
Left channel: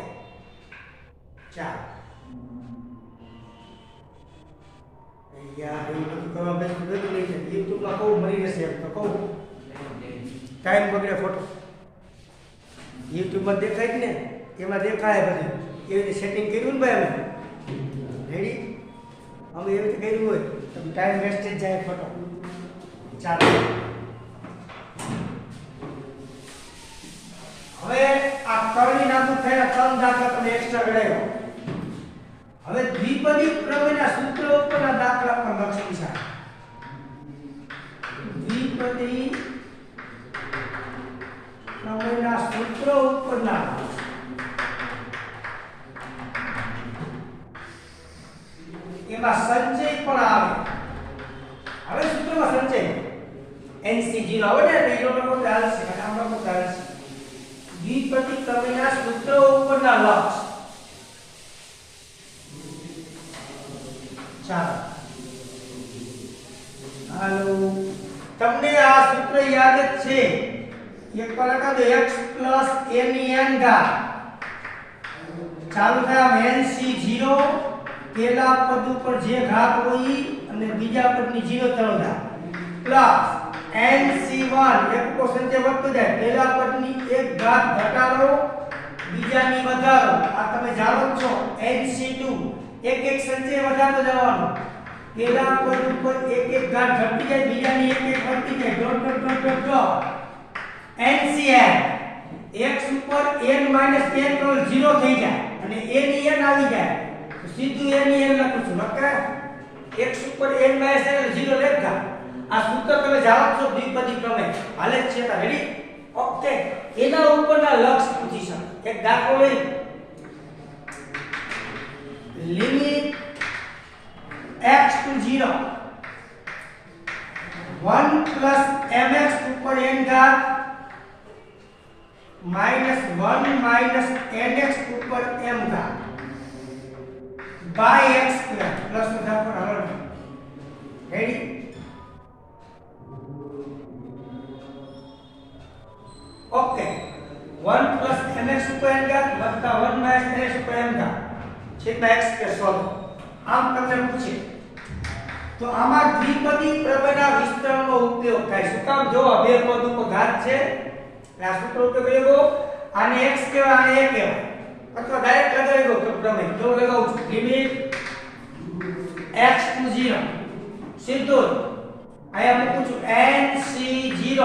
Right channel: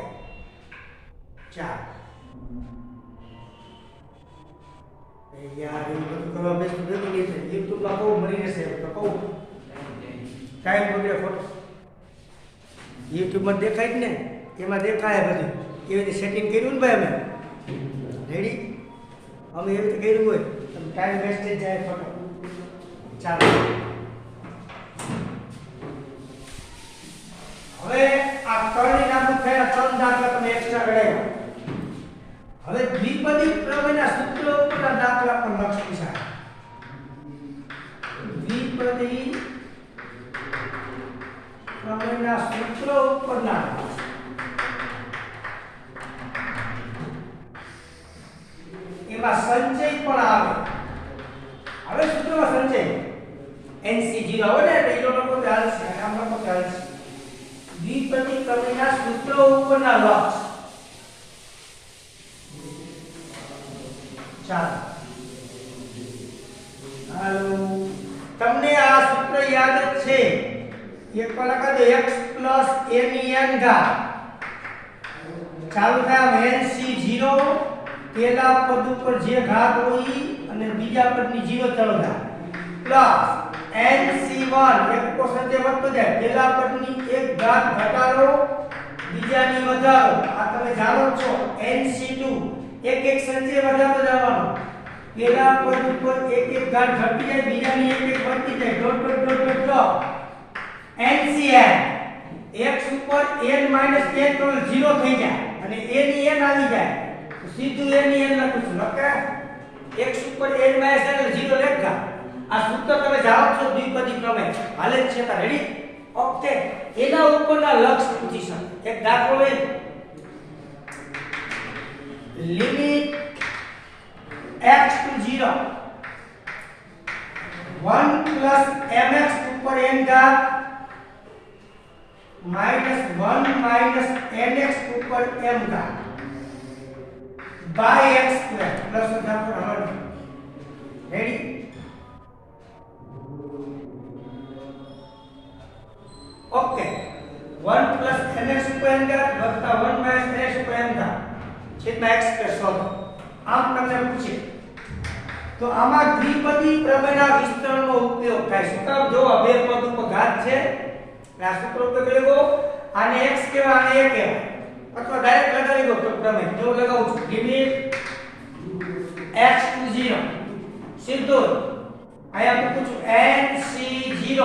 ચાલ યાર એ બધું કરવા બેસું ભેગું નહીં છે. યુટ્યુબમાં કહું મળી જશે એમ તો કહું, ટાઈમ બગડે ખોટો. યુટ્યુબમાં દેખાય જ ને, એમાં દેખાય બધું. એવી રીતે સેટિંગ કર્યું ને ભાઈ અમે. રેડી? અમે એવી રીતે કર્યું હોય તો ટાઈમ વેસ્ટેજ જાય ખોટો. ચાલો, હવે આ કરણી નાબૂદ થયા ત્રણ દાખલા તમે એક્સ્ટ્રા ગણાવ્યો. હવે દ્વિપદી પ્રમેયના સૂત્ર ઉપરના દાખલા પણ લખી છે. દ્વિપદી પ્રમેયના સૂત્ર ઉપરના એમાં સંચય પણ આવે. હવે સૂત્રમાં સંચય NC0 આવે ને એટલે એનો લોકો ચાલે છે, આમ લોકો ચાલે છે. દ્વિપદી પ્રમેયના સૂત્ર ઉપરના લક્ષ. ચાલો, હાલો, તમને આ સૂત્ર યાદ જ છે. એક પર લખા દો x + a ની n ઘાત. ચાલુ થાય NC0, પહેલા પદ ઉપર જે ઘાત હોય અને બીજા પદની 0 તરફ ઘાત પ્લસ NC1 એક કો સંચય વધતો જાય. પહેલા પદની એક ઘાત ઘટાડો, બીજાની વધારો. આ તમે જાણો છો. NC2 એક એક સંચય વધારતો જવાનો. પહેલા પદ ઉપર એક એક ઘાત ઘટી જાય, બીજાની એક એક વધતી જાય. Dot dot dot dot dot. NCn x ઉપર n - n તો 0 થઈ જાય અને a ની n આવી જાય તો સીધું a ની n લખું છું. લખા x ઉપર n - n 0 લખા. આ સૂત્ર તમે જાણો છો દ્વિપદી પ્રમેય હાલે જ છે. તા રેડી? ઓકે, એના ઉપરના લક્ષ પૂછી શકે. એક દાખલો લઈ લિમિટ x to 0 1 + mx ઉપર n ઘાત -1 - nx ઉપર m ઘાત by x² પ્લસ ઘાત પર હળ. રેડી? ઓકે, 1 + mx ઉપર n ઘાત વત્તા 1 - nx ઉપર m ઘાત છેદમાં x² સોલ્વ. આમ તમને પૂછે તો આમાં દ્વિપદી પ્રમેયના વિસ્તરણનો ઉપયોગ થાય. શું કામ? જો આ બે પદ ઉપર ઘાત છે, આ સૂત્ર ઉપયોગ લેવો. આને x કહેવાય, આને a કહેવાય, અથવા ડાયરેક્ટ લગાવી દો તો પ્રમેય. જો લગાવું છું લિમિટ x to 0 સીધો આયા મૂકું છું NC0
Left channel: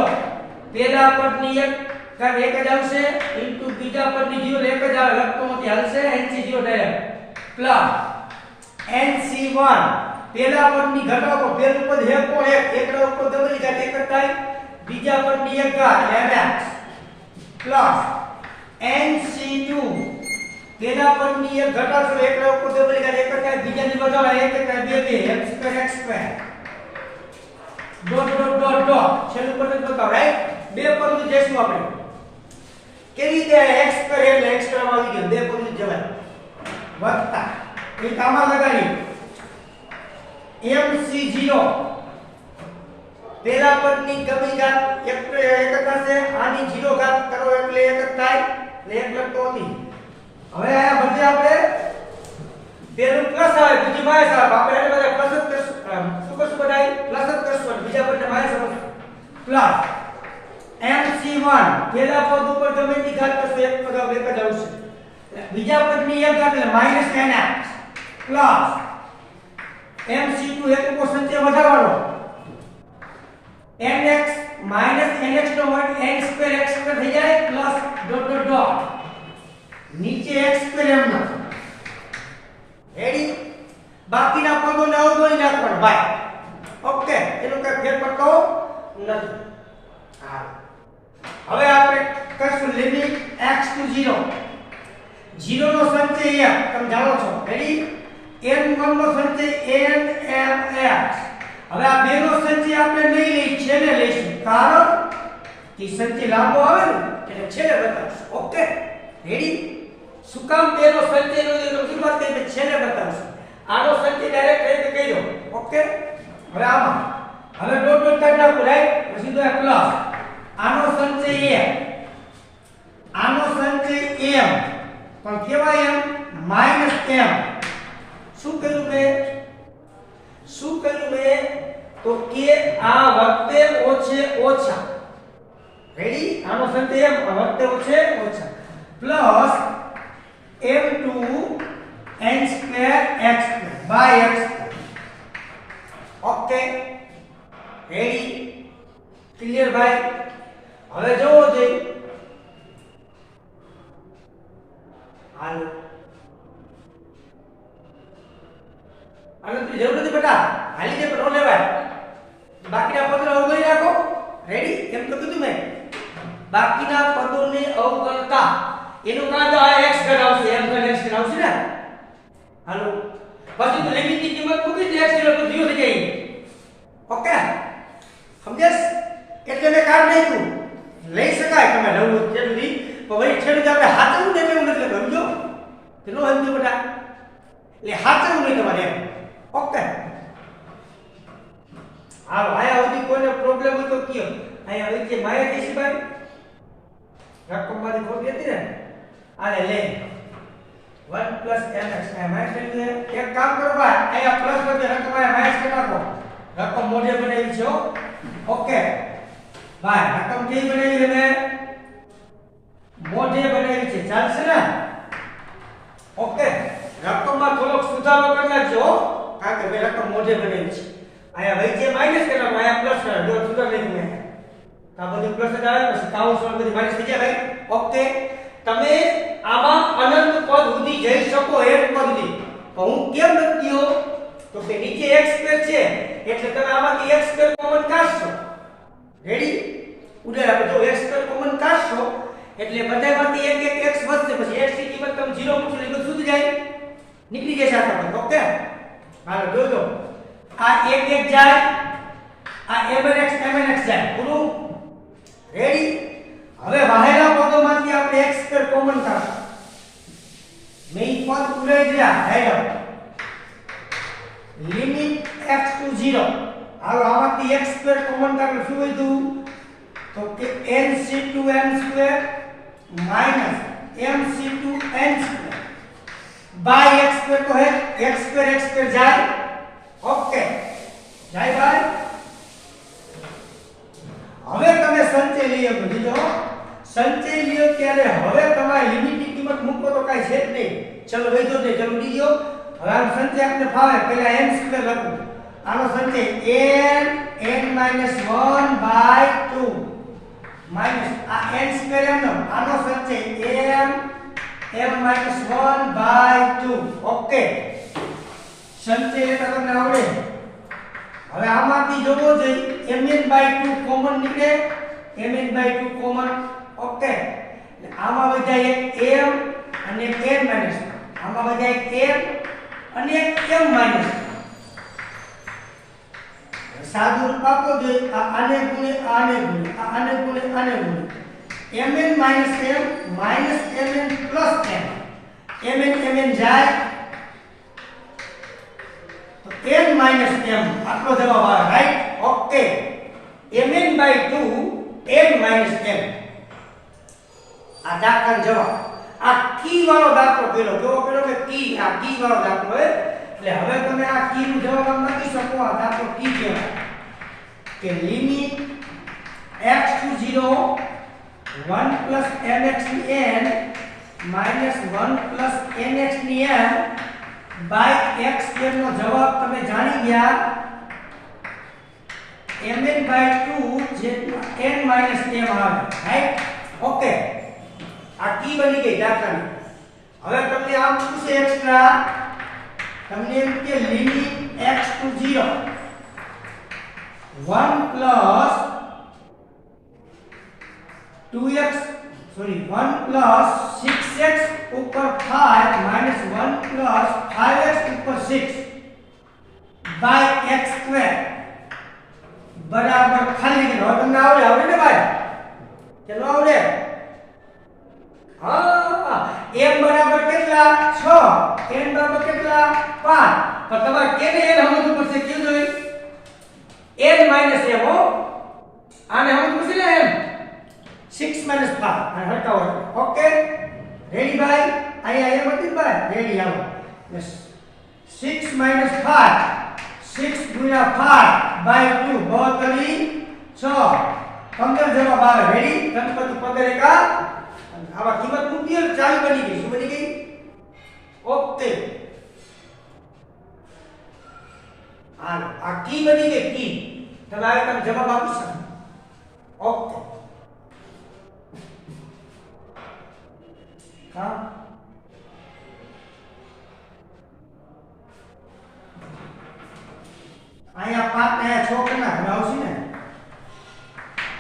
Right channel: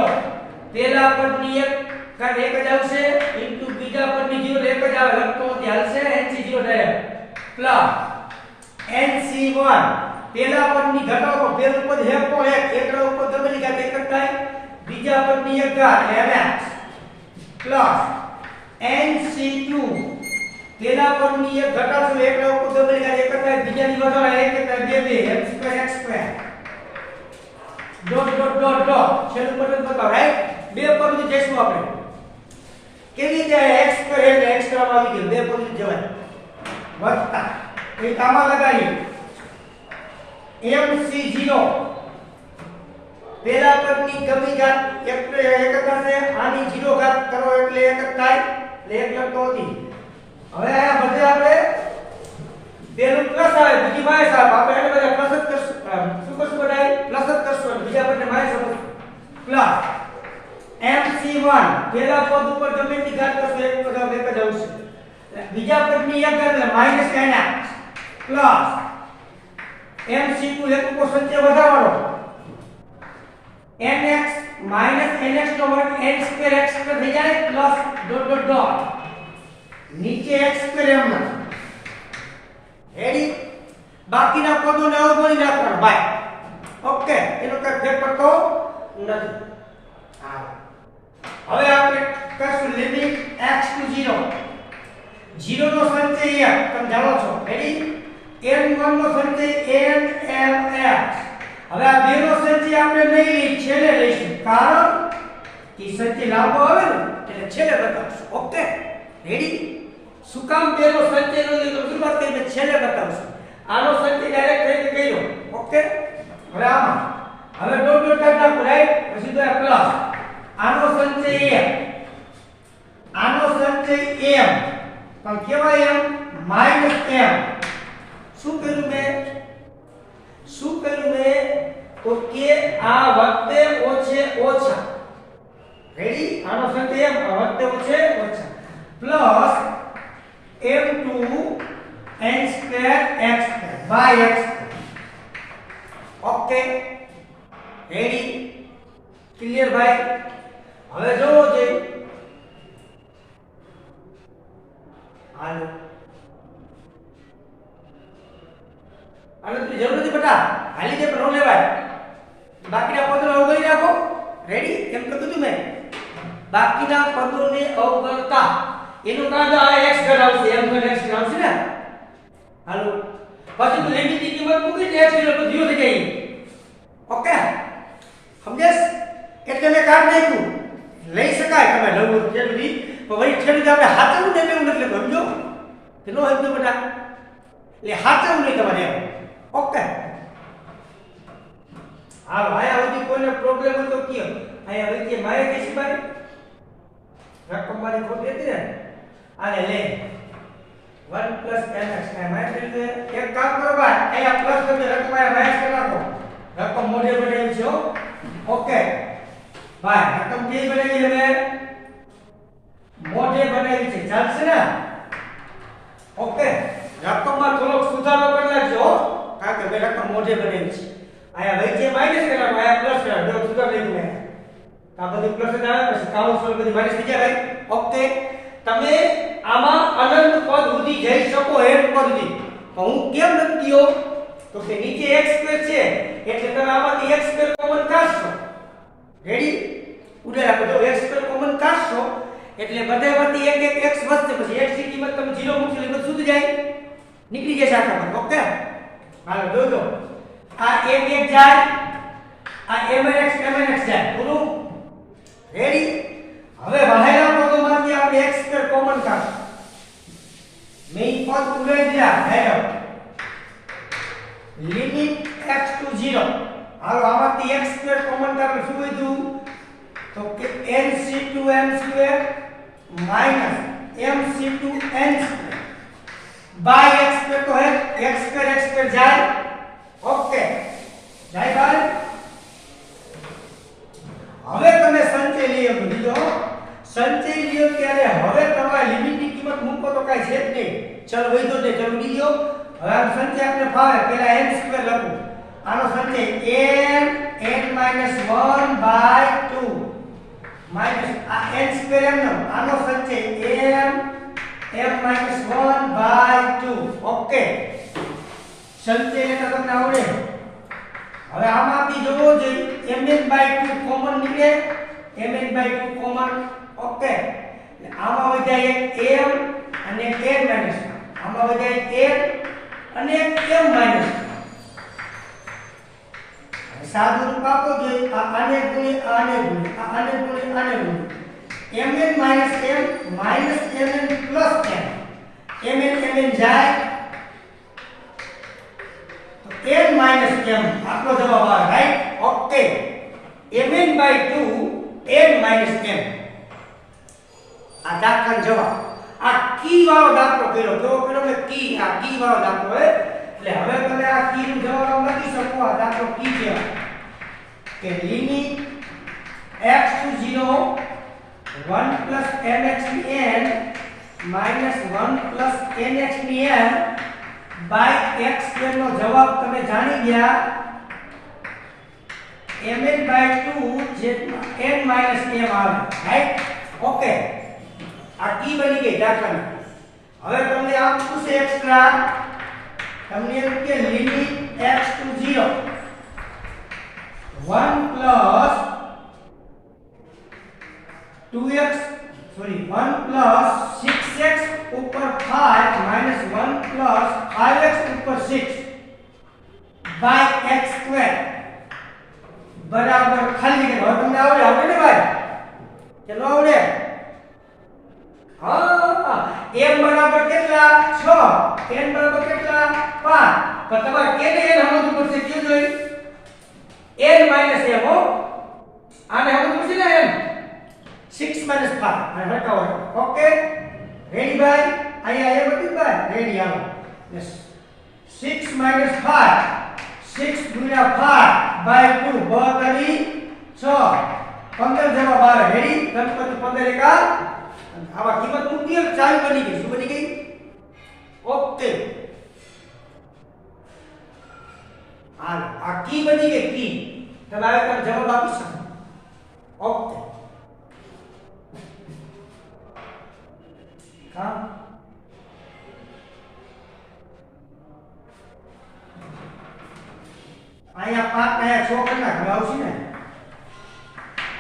પહેલા પદની એક ઘાત એક જ આવશે ઇન્ટુ બીજા પદની 0 એક જ આવે. લખતો નથી, હાલશે. NC0 ડાયરેક્ટ પ્લસ NC1 પહેલા પદની ઘટાડો. પહેલું પદ હે કો એકડા ઉપર દબલી ઘાત એક જ થાય, બીજા પદની એક ઘાત mx પ્લસ NC2 પહેલા પદની એક ઘટાડો એકડા ઉપર દબલી ઘાત એક જ થાય, બીજાની વધારે એક એક થાય 2 x² dot dot dot dot. છેલ્લું બટન બતાવો. રાઈટ? બે પદની જેશું આપણે કેવી રીતે x² એટલે x માં આવી ગયું. બે પદની જવાય વત્તા એ કામમાં લગાડી MC0 પહેલા પદની ગમી ઘાત એક થશે, આની 0 ઘાત કરો એટલે એક જ થાય એટલે એક લખતો હતી. હવે આયા બધે આપણે પેલું પ્લસ આવે બીજી માઈનસ આવે આપણે એને બધે પ્લસ જ કરશું શું કરશું બધાય પ્લસ જ કરશું બીજા બધે માઈનસ આવશે પ્લસ MC1 પેલા પદ ઉપર ગમે તેની ઘાત કરશું એક પદ એક જ આવશે બીજા પદની એક ઘાત એટલે -nx પ્લસ MC2 એક ઉપર સંચય વધારવાનો nx nx નો વર્ગ n2 x2 થઈ જાય પ્લસ ડોટ ડોટ ડોટ નીચે x2 એમ રેડી બાકીના પદોને અવગણી નાખવાના બાય ઓકે એનો કઈ ફેરફાર કહો નથી હા હવે આપણે કરશું લિમિટ x to 0 0 નો સંચય તમે જાણો છો રેડી n1 નો સંચય n m x હવે આ બે નો સંચય આપણે નહીં લઈ છેલ્લે લઈશું કારણ કે સંચય લાંબો આવે ને એટલે છેલ્લે બતાવશું ઓકે રેડી શું કામ બે નો સંચય નો તો શરૂઆત કરી છેલ્લે બતાવશું આનો સંચય ડાયરેક્ટ રીતે કહી દો ઓકે હવે આમાં હવે ડોટ ડોટ કાઢ નાખો રાઈટ પછી તો પ્લસ આનો સંચય m આનો સંચય m પણ કેવાય m માઈનસ m શું કર્યું મેં તો કે આ વખતે ઓછે ઓછા રેડી આનો સંચય m વખતે ઓછે ઓછા plus m2 n2 x2 by x okay ready clear ભાઈ હવે જોવો જોઈએ હાલો આને તો જરૂર નથી બેટા હાલી દે પણ નો લેવાય બાકીના પદોને અવગણી રાખો રેડી એમ તો કીધું મેં બાકીના પદોને અવગણતા એનું કારણ આ x ઘટ આવશે m ઘટ x ઘટ આવશે ને હાલો પછી તો લિમિટની કિંમત મૂકી દે x એટલે 0 થઈ જાય ઓકે સમજ્યાસ એટલે મેં કાઢ નાખ્યું લઈ શકાય તમે નવું જેટલી પણ વળી છેડી આપણે હાચવું ને એવું નથી સમજો કે નો સમજો બેટા એટલે હાચવું નહીં તમારે ઓકે હાલો આયા સુધી કોઈને પ્રોબ્લેમ હોય તો કયો આયા વચ્ચે મારે કીસી ભાઈ રકમ મારી ખોટી હતી ને આને લે 1 mx માઈનસ કરી એક કામ કરો ભાઈ આયા પ્લસ વચ્ચે રકમ આયા માઈનસ કરી નાખો રકમ મોઢે બનાવી છે ઓકે ભાઈ રકમ કેવી બનાવી હવે મોઢે બનાવી છે ચાલશે ને ઓકે રકમમાં થોડોક સુધારો કરી નાખજો કારણ કે મેં રકમ મોઢે બનાવી છે આયા વચ્ચે માઈનસ કરવાનું આયા પ્લસ કરવાનું જો સુધાર નહીં મેં આ બધી પ્લસ જ આવે પછી કાઉન્સ બધી માઈનસ થઈ જાય ઓકે તમે આમાં અનંત પદ સુધી જઈ શકો એક પદ સુધી તો હું કેમ નથી ગયો તો કે નીચે x2 છે એટલે તમે આમાંથી x2 કોમન કાઢશો રેડી ઉડે આપણે જો x2 કોમન કાઢશો એટલે બધામાંથી એક એક x વધશે પછી x ની કિંમત તમે 0 મૂકશો એટલે બધું સુધી જાય નીકળી જશે આખા પર ઓકે હાલો જોજો આ એક એક જાય આ mnx જાય પૂરું રેડી હવે બહારના પદોમાંથી આપણે x2 કોમન કાઢશું મેં ઈ પદ ઉડાઈ દીધા ડાયરેક્ટ લિમિટ x to 0 હાલો આમાંથી x2 કોમન કાઢો શું વધ્યું તો કે nc2 m2 mc2 n2 by x2 તો હે x2 જાય ઓકે જાય ભાઈ હવે તમે સંચય નિયમ લીધો સંચય નિયમ ત્યારે હવે તમારે લિમિટની કિંમત મૂકો તો કાઈ છે જ નહીં ચલો વૈધો ને ચલો બીજો હવે આ સંચય આપણે ફાવે પહેલા n સ્ક્વેર લખું આનો સંચય n 1/2 માઈનસ આ n સ્ક્વેર m નો આનો સંચય m 1/2 ઓકે સંચય લેતા તમને આવડે હવે આમાંથી જોવો જોઈએ mn/2 કોમન નીકળે mn/2 કોમન ઓકે એટલે આમાં વધ્યા એક m અને એક n માઈનસ આમાં વધ્યા એક m અને એક m માઈનસ સાદું રૂપ આપો જોઈએ આને ગુણે આને ગુણે આને ગુણે આને ગુણે mn minus m minus mn plus m mn જાય n minus m આટલો જવાબ આવે right okay mn/2 n minus m આ દાખલાનો જવાબ. આ કી વાળો દાખલો કર્યો. કેવો કર્યો કે કી, આ કી વાળો દાખલો હે. એટલે હવે તમે આ કી નો જવાબ આમ લખી શકો. આ દાખલો કી કહેવાય કે limit x to 0 1 plus mx ની n minus 1 plus nx ની m by x square નો જવાબ તમે જાણી ગયા mn by 2 જેટલા n minus m આવે. રાઈટ? ઓકે, આ કી બની ગઈ દાખલાની. હવે તમને આમ પૂછે એક્સ્ટ્રા, તમને એમ કે limit x to 0 1 plus 2x 1 plus 6x ઉપર 5 minus 1 plus 5x ઉપર 6 by x square બરાબર ખાલી કે હવે તમને આવડે ને ભાઈ? ચલો આવડે. હા, m બરાબર કેટલા? 6, n બરાબર કેટલા? 5. પણ તમારે કેને n સમજવું પડશે. કેવું જોઈએ? n minus m હો. આને સમજવું પડશે ને n 6 minus 5 અને હટાવો. ઓકે, રેડી ભાઈ? અહીંયા m હતી ભાઈ, રેડી આવો. 6 minus 5 6 ગુણ્યા 5 by 2 બહુતરી 6 15 જવાબ આવે. રેડી? ગણપતિ 15 એકા આવા કિંમત મૂકી એટલે ચાવી બની ગઈ. શું બની ગઈ? ઓકે, હાલ આ કી બની ગઈ. કી તમે આવે તમે જવાબ આપી શકો. ઓકે, હા અહીંયા 5 ને 6 કરી નાખ આવશે ને.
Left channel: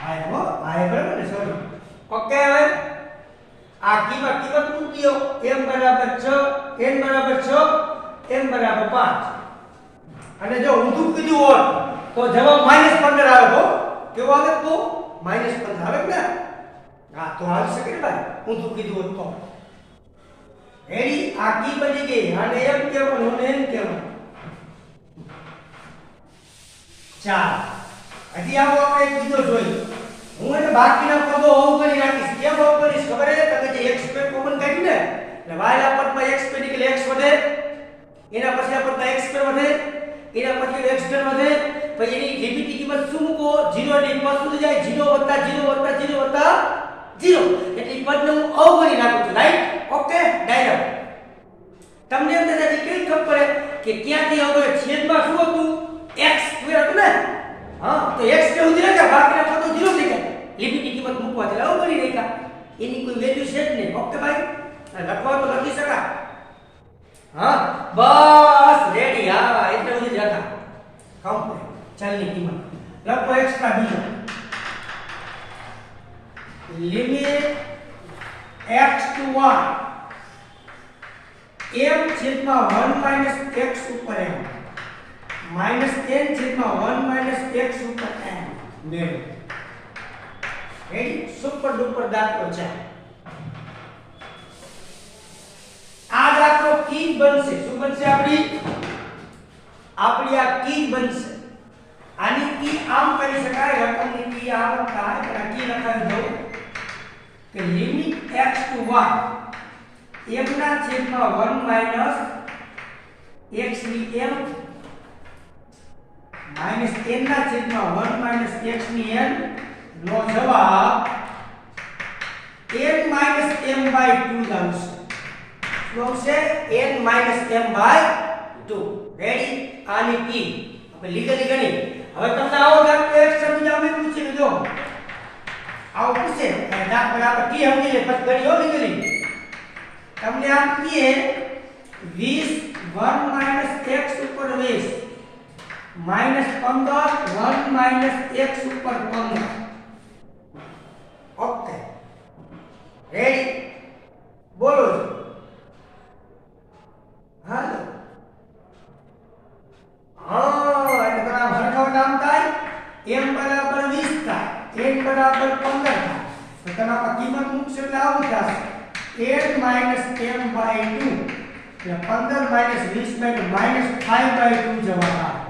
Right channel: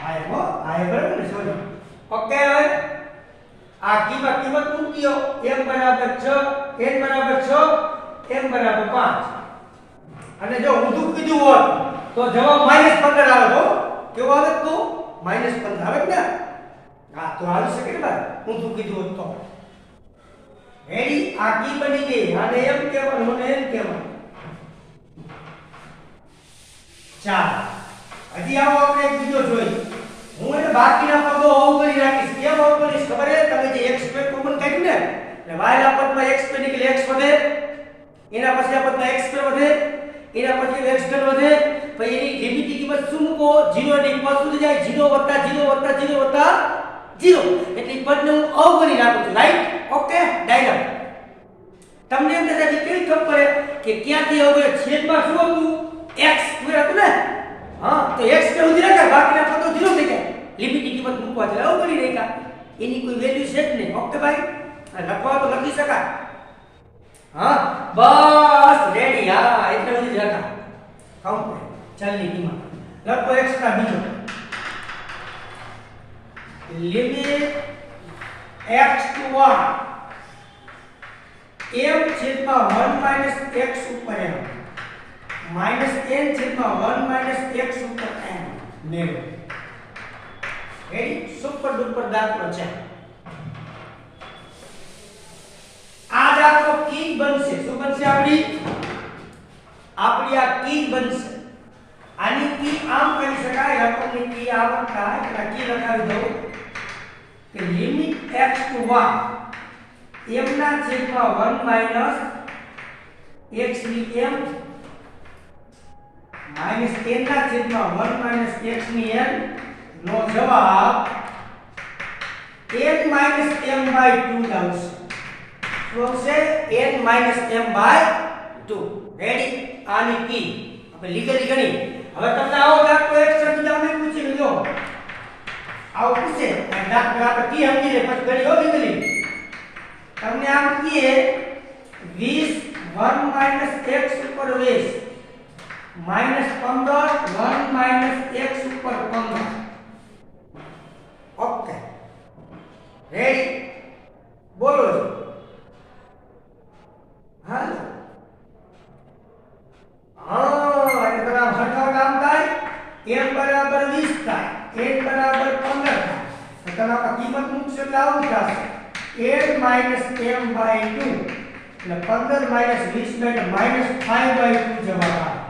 આ બરાબર ને? સોરી. ઓકે, હવે આ કિંમત મૂક્યો m બરાબર 6 n બરાબર 6 m બરાબર 5 અને જો ઊંધું કીધું હોત તો જવાબ -15 આવે. તો કેવો આવે? તો -15 આવે ને? હા, તો આવી શકે ને ભાઈ ઊંધું કીધું હોત તો. રેડી? આ કી બની ગઈ. આને m કહેવાનું અને n કહેવાનું. ચાલ હજી આવો આપણે એક બીજો જોઈએ. હું એને બાકીના પદો અવગણી રાખીશ. કેમ અવગણીશ ખબર છે? તમે જે x સ્ક્વેર કોમન કાઢ્યું ને એટલે y ના પદમાં x સ્ક્વેર એટલે x વધે, એના પછી આ પદમાં x સ્ક્વેર વધે, એના પછી x સ્ક્વેર વધે, પછી એની લિમિટની કિંમત શું મૂકો? 0 ની પદ સુધી જાય 0 + 0 + 0 + 0 એટલે પદને હું અવગણી નાખું છું. રાઈટ? Okay, diagram. તમને એમ થાય કેવી ખબર પડે કે ક્યાંથી અવગણ? છેદમાં શું હતું? x સ્ક્વેર હતું ને? હા, તો x સ્ક્વેર સુધી રહે, બાકીના પદો 0 થઈ જાય. લિમિટની કિંમત મૂકવા એટલે અવગણી નાખ્યા. એની કોઈ વેલ્યુ છે જ નહીં. ઓકે ભાઈ? લખવા તો લખી શકાય. હા, બસ રેડી. હા, એટલે બધી જગા કાઉન્ટ ચાલની કિંમત લખો. એક્સ્ટ્રા બીજો લિમિટ x to 1 m છેદમાં 1 - x ઉપર m minus n છેદમાં 1 - x ઉપર n મેળવો. રેડી? સુપર ડુપર દાખલો છે. આ દાખલો કી બનશે. શું બનશે? આપણી આ કી બનશે. આની કી આમ કરી શકાય. રકમની કી આમ થાય એટલે કી લખાવી દઉં કે લિમિટ x to 1 m ના છેદમાં 1 - x ની m minus n ના છેદમાં 1 - x ની n નો જવાબ n minus m by 2 આવશે. શું આવશે? n minus m by 2. Ready? આની કી આપણે લીગલી ગણી. હવે તમને આવો દાખલો એક સમજાવ મેં પૂછી લીધો. આવો પૂછે દાખલો આપણે કી સમજી લે પછી ગણી હો લીગલી. તમને આમ કીએ 20 1 - x ઉપર 20 -15 1 - x ઉપર 15. Okay, ready? બોલો. હાલો. હા, એટલે તમે હરખાવટ આમ થાય m બરાબર 20 થાય, n બરાબર 15 થાય. તો તમે આ કિંમત મૂકશો એટલે આવું થશે n - m by 2 એટલે 15 - 20 એટલે -5/2 જવાબ આવે.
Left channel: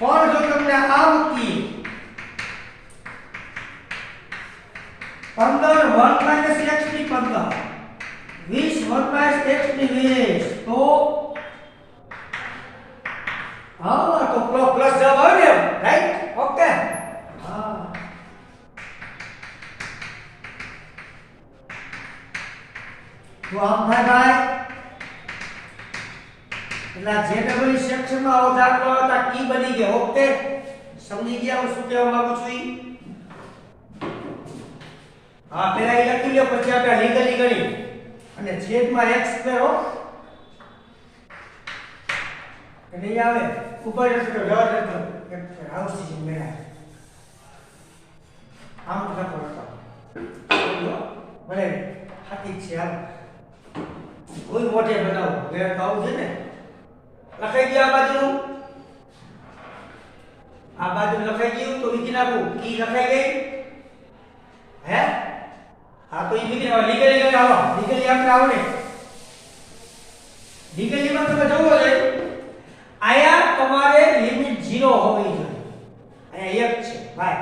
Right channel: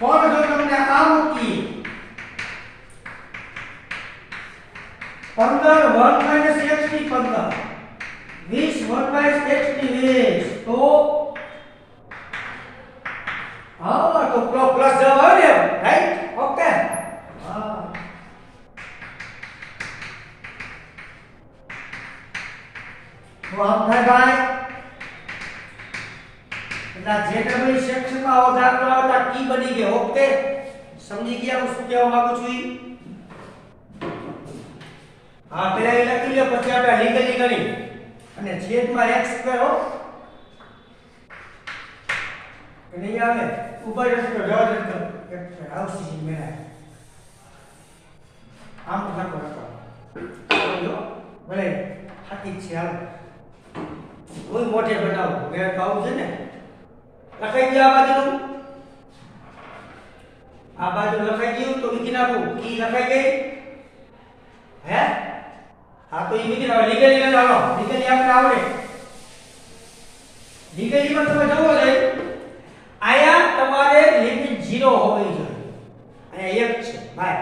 પણ જો તમને આ મૂકીએ 15 1 - x ની 15 મતલબ 20 1 x ની 20 તો હા તો પ્લસ જવાબ આવે ને રાઈટ ઓકે હા તો આમ થાય ભાઈ એટલે જે ડબલ સેક્શનમાં આવો દાખલો આવતા કી બની ગયો ઓકે સમજી ગયા હું શું કહેવા માંગુ છું ઈ હા પેલા એ લખી લો પછી આપણે લીગલી ગણી અને છેદમાં x કરો કે નહીં આવે ઉપર જશે તો જવા દે તો આવશે મેળા આમ લખો ભલે સાચી છે હાલ કોઈ મોટે બનાવો મેં તો આવું છે ને લખાઈ ગયું આ બાજુ લખાઈ ગયું તો બીજી નાખું કી લખાઈ ગઈ હે હા તો એ બીજી લીગલી લઈ આવો લીગલી આપણે આવડે લીગલીમાં તમે જોવો છે આયા તમારે લિમિટ 0 હોવી જોઈએ આયા 1 છે ભાઈ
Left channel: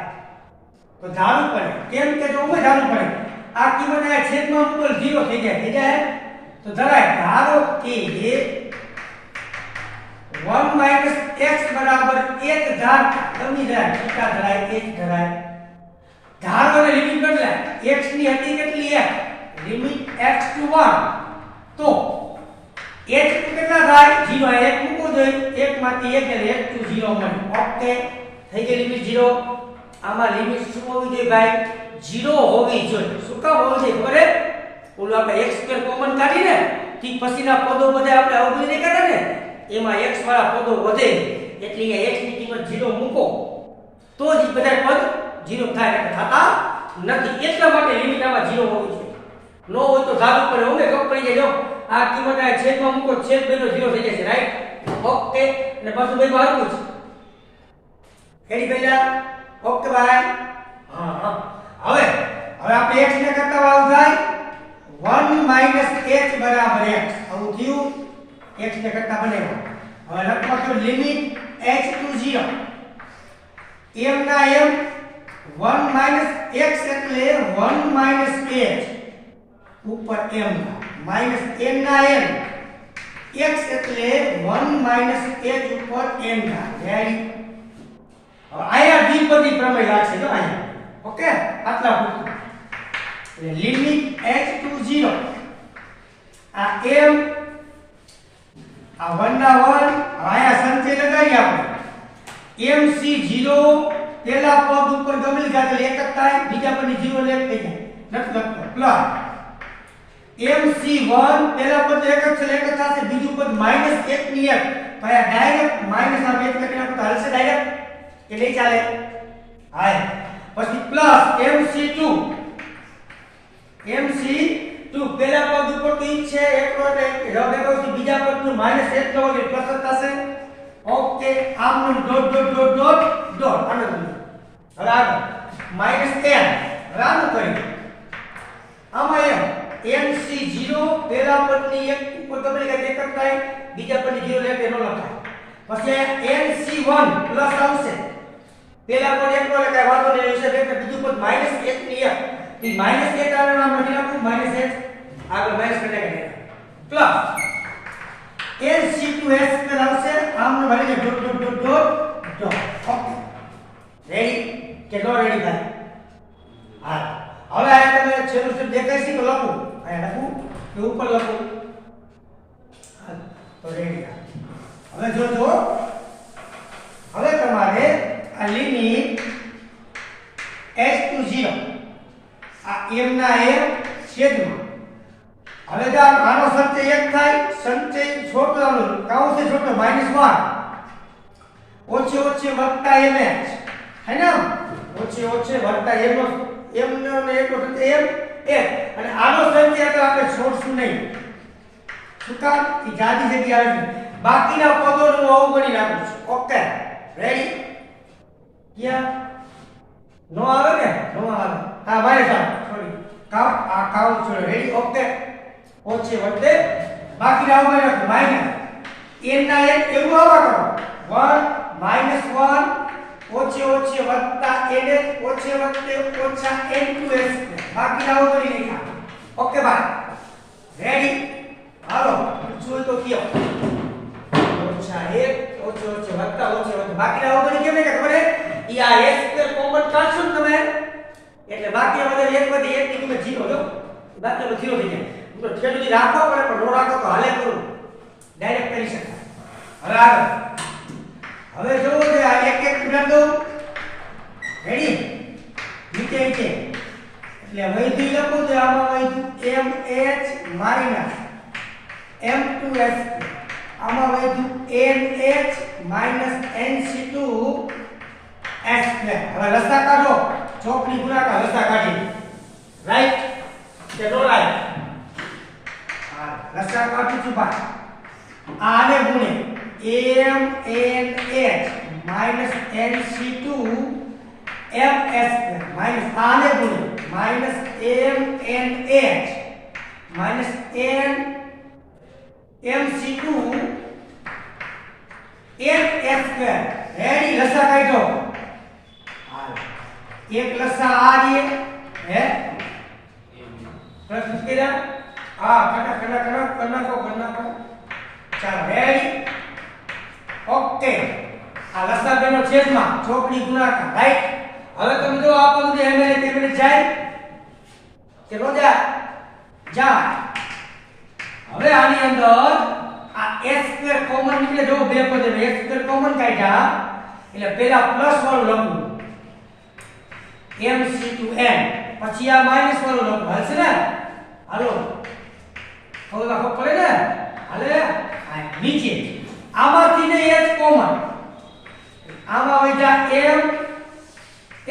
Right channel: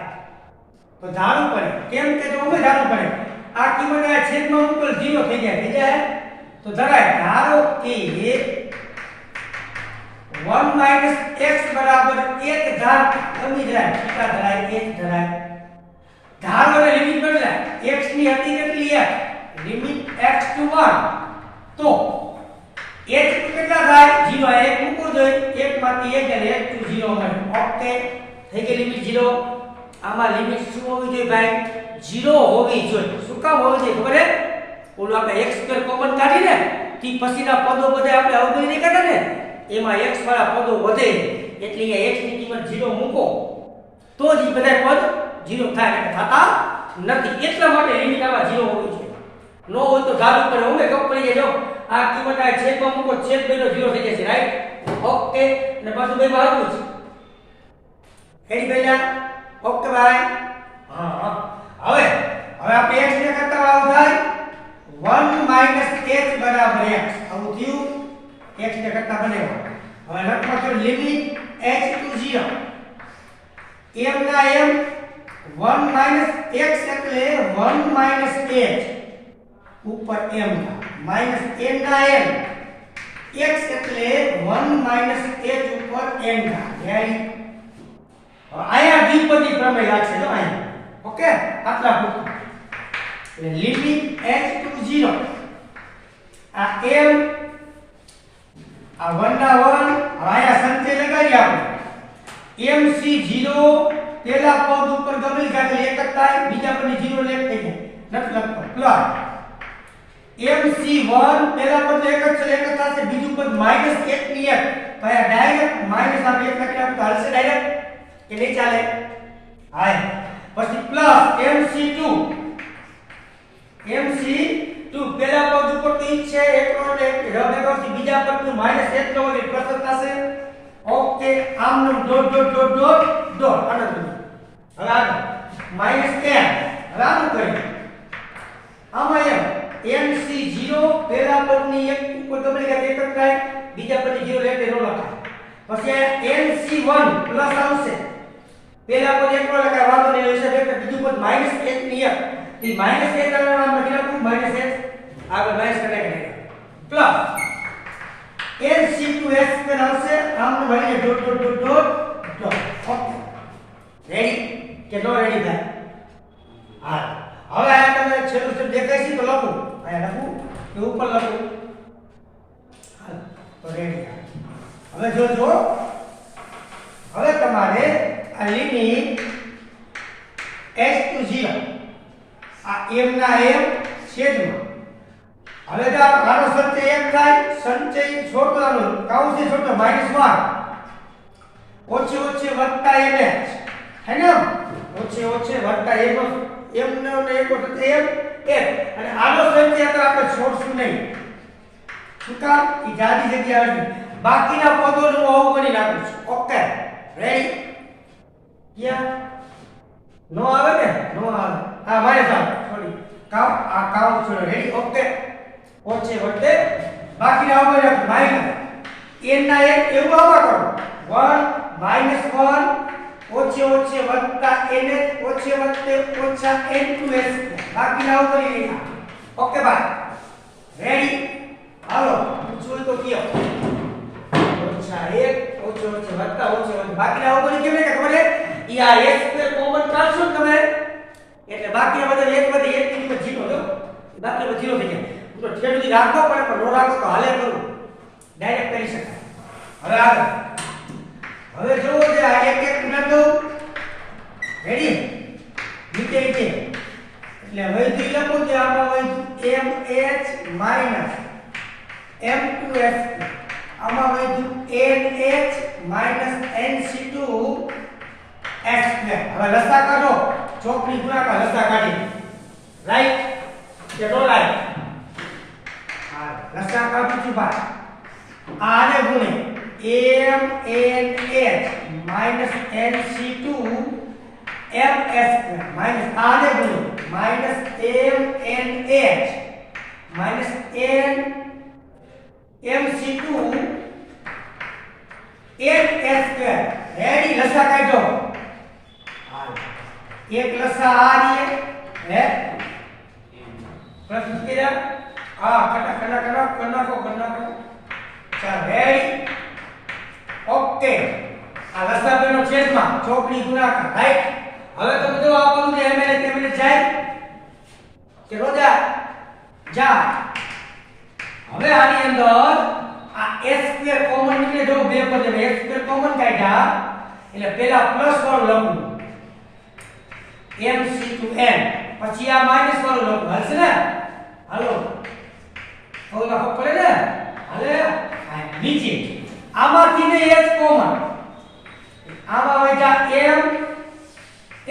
તો ધારવું પડે કેમ કે જો ઉમે ધારવું પડે આ કિંમત આ છેદમાં ઉપર 0 થઈ જાય તો ધરાય ધારો કે 1 x બરાબર 1 ધાર ગમી જાય થીટા ધરાય 1 ધરાય ધારો ને લિમિટ બદલાય x ની હતી કેટલી 1 લિમિટ x to 1 તો h કેટલા થાય 0 આ 1 મૂકો જોઈએ 1 માંથી 1 એટલે 1 to 0 મળે ઓકે થઈ ગઈ લિમિટ 0 આમાં લિમિટ શું હોવી જોઈએ ભાઈ 0 હોવી જોઈએ શું કામ હોવી જોઈએ ખબર હે ઓલો આપણે x સ્ક્વેર કોમન કાઢીને થી પછીના પદો બધા આપણે અવગણી નહીં કરતા ને એમાં x વાળા પદો વધે એટલે અહીંયા x ની કિંમત 0 મૂકો તો જ બધા પદ 0 થાય એટલે થતા નથી એટલા માટે લિમિટ આમાં 0 હોવી જોઈએ નો હોય તો ધારું પડે ઓમે કપ પડી જાય જો આ કિંમત આ છેદમાં મૂકો છેદ બેનો 0 થઈ જશે રાઈટ ઓકે અને પાછું બે માં આવતું છે એડી પહેલા ઓકે ભાઈ હા હવે આપણે x ને કરતા આવું થાય 1 h બરાબર x આવું થયું x ને કરતા બનેવો હવે લખો તો લિમિટ h to 0 m ના m 1 x એટલે 1 h ઉપર m માઈનસ n ના n x એટલે 1 h ઉપર n ના રેડી આયા દ્વિપદી પ્રમેય લાગશે જો આયા ઓકે આટલા પૂરતું લિમિટ h to 0 આ m આ 1 ના 1 આયા સંચય લગાવી આપણે mc 0 પેલા પદ ઉપર ગમેલી જાય એક જ થાય બીજા પદની 0 લેટ થઈ જાય નથી લખતો પ્લસ mc1 પેલા પદ એક જ છે એક જ થશે બીજું પદ -1 ની 1 ભાઈ ડાયરેક્ટ માઈનસ આ 1 લખીને તો હાલશે ડાયરેક્ટ કે નહીં ચાલે હાય પછી પ્લસ mc2 પેલા પદ ઉપર તો ઈ છે એક નોટ એક રબેરોથી બીજા પદનું -1 નો એટલે પ્લસ થશે ઓકે આમનું dot dot dot dot dot આનંદ હવે આગળ -10 હવે આનું કરીએ આમાં mc0 પેલા પદની એક ઉપર ગમે કે એક જ થાય બીજા પદની 0 એટલે નો લખાય પછી mc1 પ્લસ આવશે પેલા પદ એક નો લખાય વાળો ને હશે એટલે બીજું પદ -1 ની 1 ઈ -1 આનું નામ લખી નાખું -1 આગળ માઈનસ કરી પ્લસ lc2s પર આવશે આમને ભરીને dot dot dot dot dot okay ready કે નો રેડી ભાઈ હા હવે આ તમે છેલ્લું સ્ટેપ દેખાય છે તો લખો આ લખું તો ઉપર લખું હા તો રેડી હવે જોજો હવે તમારે આ લિમિટ h to 0 આ m ના m છેદમાં હવે જો આનો સંચય 1 થાય સંચય છોકરાનો કાઉન્સ છોકરો -1 ઓછે ઓછે વત્તા mh હે ને ઓછે ઓછે વત્તા m નો ને એક વખત m 1 અને આનો સંચય તો આપણે છોડશું નહીં શું કામ ઈ જાડી જગ્યા નથી બાકીના પદોનું આવું કરી નાખું છું ઓકે રેડી યા નો આવે ને નો આવે હા ભાઈ સાહેબ સોરી કામ આ કામ છે રેડી ઓકે ઓછે વત્તે બાકી આવું કરી નાખું માઈનસ n ના n એવું આવા કરો 1 -1 ઓછે ઓછે વત્તા nh ઓછે વત્તે ઓછા n2s બાકી આવું કરી નાખા ઓકે ભાઈ રેડી હાલો જોઈ તો કયો ઓછા 1 ઓછો ઓછો વત્તા ઓછો વત્તા બાકી આવું બધું કેમ કે ખબર હે ઈ આ x સ્ક્વેર કોમન કાઢશો ને તમે એટલે બાકી આ બધા 1 વધે 1 ની કિંમત 0 જો બાકી તો 0 થઈ જાય તો છેડું રાખો પડે પણ નો રાખો તો હાલે કરું ડાયરેક્ટ કરી શકાય હવે આગળ હવે જો જે આ એક એક ગુણાક દઉં રેડી નીચે નીચે એટલે વૈધી લખું તો આમાં વૈધું mh m2s આમાં વૈધું nh nc2s હવે લસા કાઢો ચોકડી ગુણાકાર લસા કાઢી રાઈટ કે નો રાઈટ હા લસા કાઢું છું ભાઈ આને ગુણે mnh nc2 ms minus આને ગુણે minus mnh minus n mc2 ns square ready લસા કાઢો હા એક લસા આ રીએ હે પ્રશ્ન કર્યા હા કના ચાલો રેડી ઓકે આ લસા બેનો છેદમાં ચોકડી ગુણાકાર રાઈટ હવે તમે જો આ બધું જે ml ml જાય કે નો જા હવે આની અંદર આ s સ્ક્વેર કોમન નીકળે જો બે પદ s સ્ક્વેર કોમન કાઢ્યા એટલે પહેલા પ્લસ વાળું લખું mc2n પછી આ માઈનસ વાળું લખું હાલશે ને હાલો હવે લખો પડે ને હાલે આ નીચે આમાંથી ને h કોમન આમાં વૈધા m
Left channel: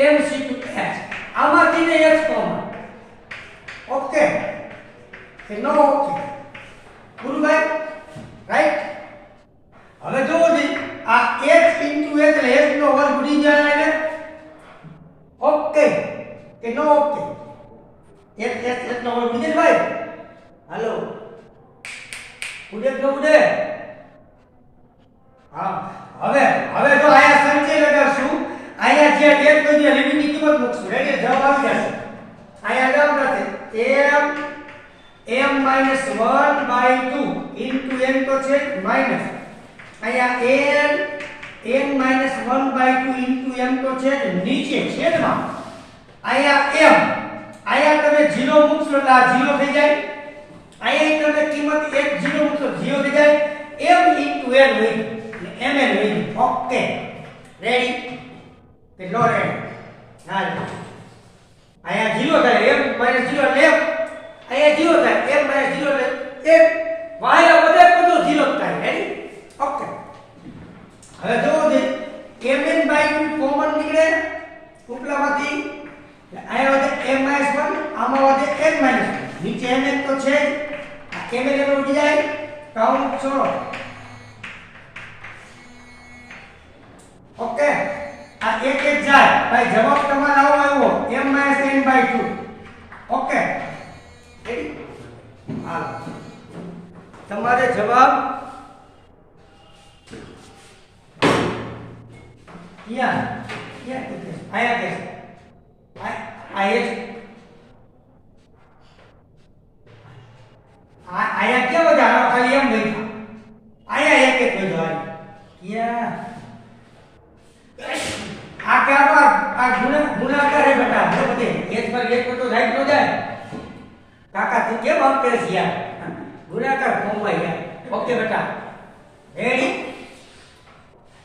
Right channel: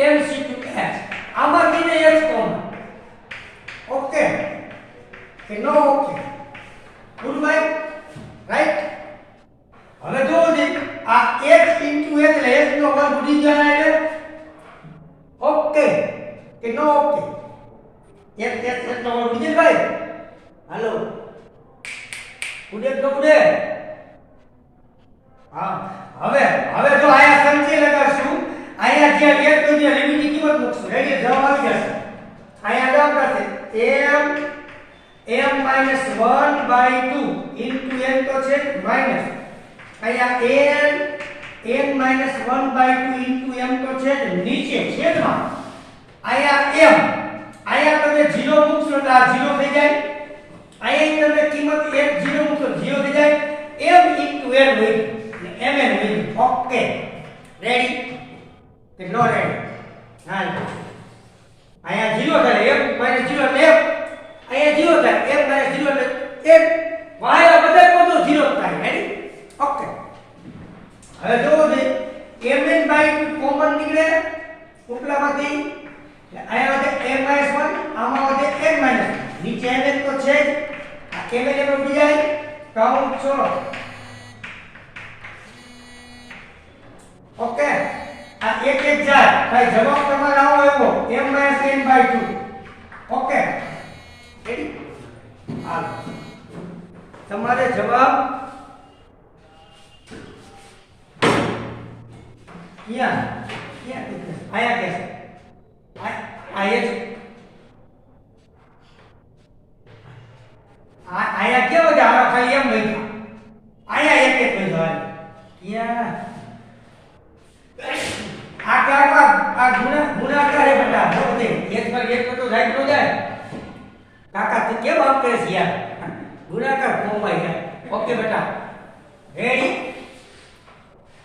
mc2h આમાંથી ને h કોમન ઓકે કે નો ઓકે પૂરું ભાઈ રાઈટ હવે જોવો જી આ h into h એટલે h નો વર્ગ ઉડી જાય એટલે ઓકે કે નો ઓકે h નો વર્ગ ઉડી જાય ભાઈ હાલો ઉડે તો ઉડે હા હવે જો આયા સંચય લગાવશું આયા જે એક બધી લિમિટની કિંમત મૂકશું રેડી જવાબ આવી જશે આયા જવાબ થશે m minus 1/2 into n તો છે માઈનસ આયા n minus 1/2 into m તો છે નીચે છેદમાં આયા m આયા તમે 0 મૂકશો તો આ 0 થઈ જાય આયા તમે કિંમત 1 0 મૂકશો 0 થઈ જાય m into n હોય mn હોય ઓકે રેડી કે નો રેડી હાલ આયા 0 થાય m minus 0 એટલે f આયા 0 થાય m minus 0 એટલે f વાયા બધા પદો 0 થાય રેડી ઓકે હવે જોવો દે mn/2 કોમન નીકળે ઉપલામાંથી આયા વધે m minus 1 આમાં વધે n minus 1 નીચે mn તો છે આ mn લેવલ ઉડી જાય કાઉન્ટ છોડો ઓકે આ એક એક જાય ભાઈ જવાબ તમારો આવો આવ્યો m minus n/2 okay ready હાલ તમારે જવાબ ક્યાં આયા કે આયા કેવો છે આનો ખાલી એમ બેઠા આયા એક એક બેઠો ક્યાં આ કે આ ગુણાકાર હે બેટા જો બધે એક પર એક તો રાઈટ નો જાય કાકા તું કેમ આમ કરે છે યાર ગુણાકાર કોમવાય જાય ઓકે બેટા રેડી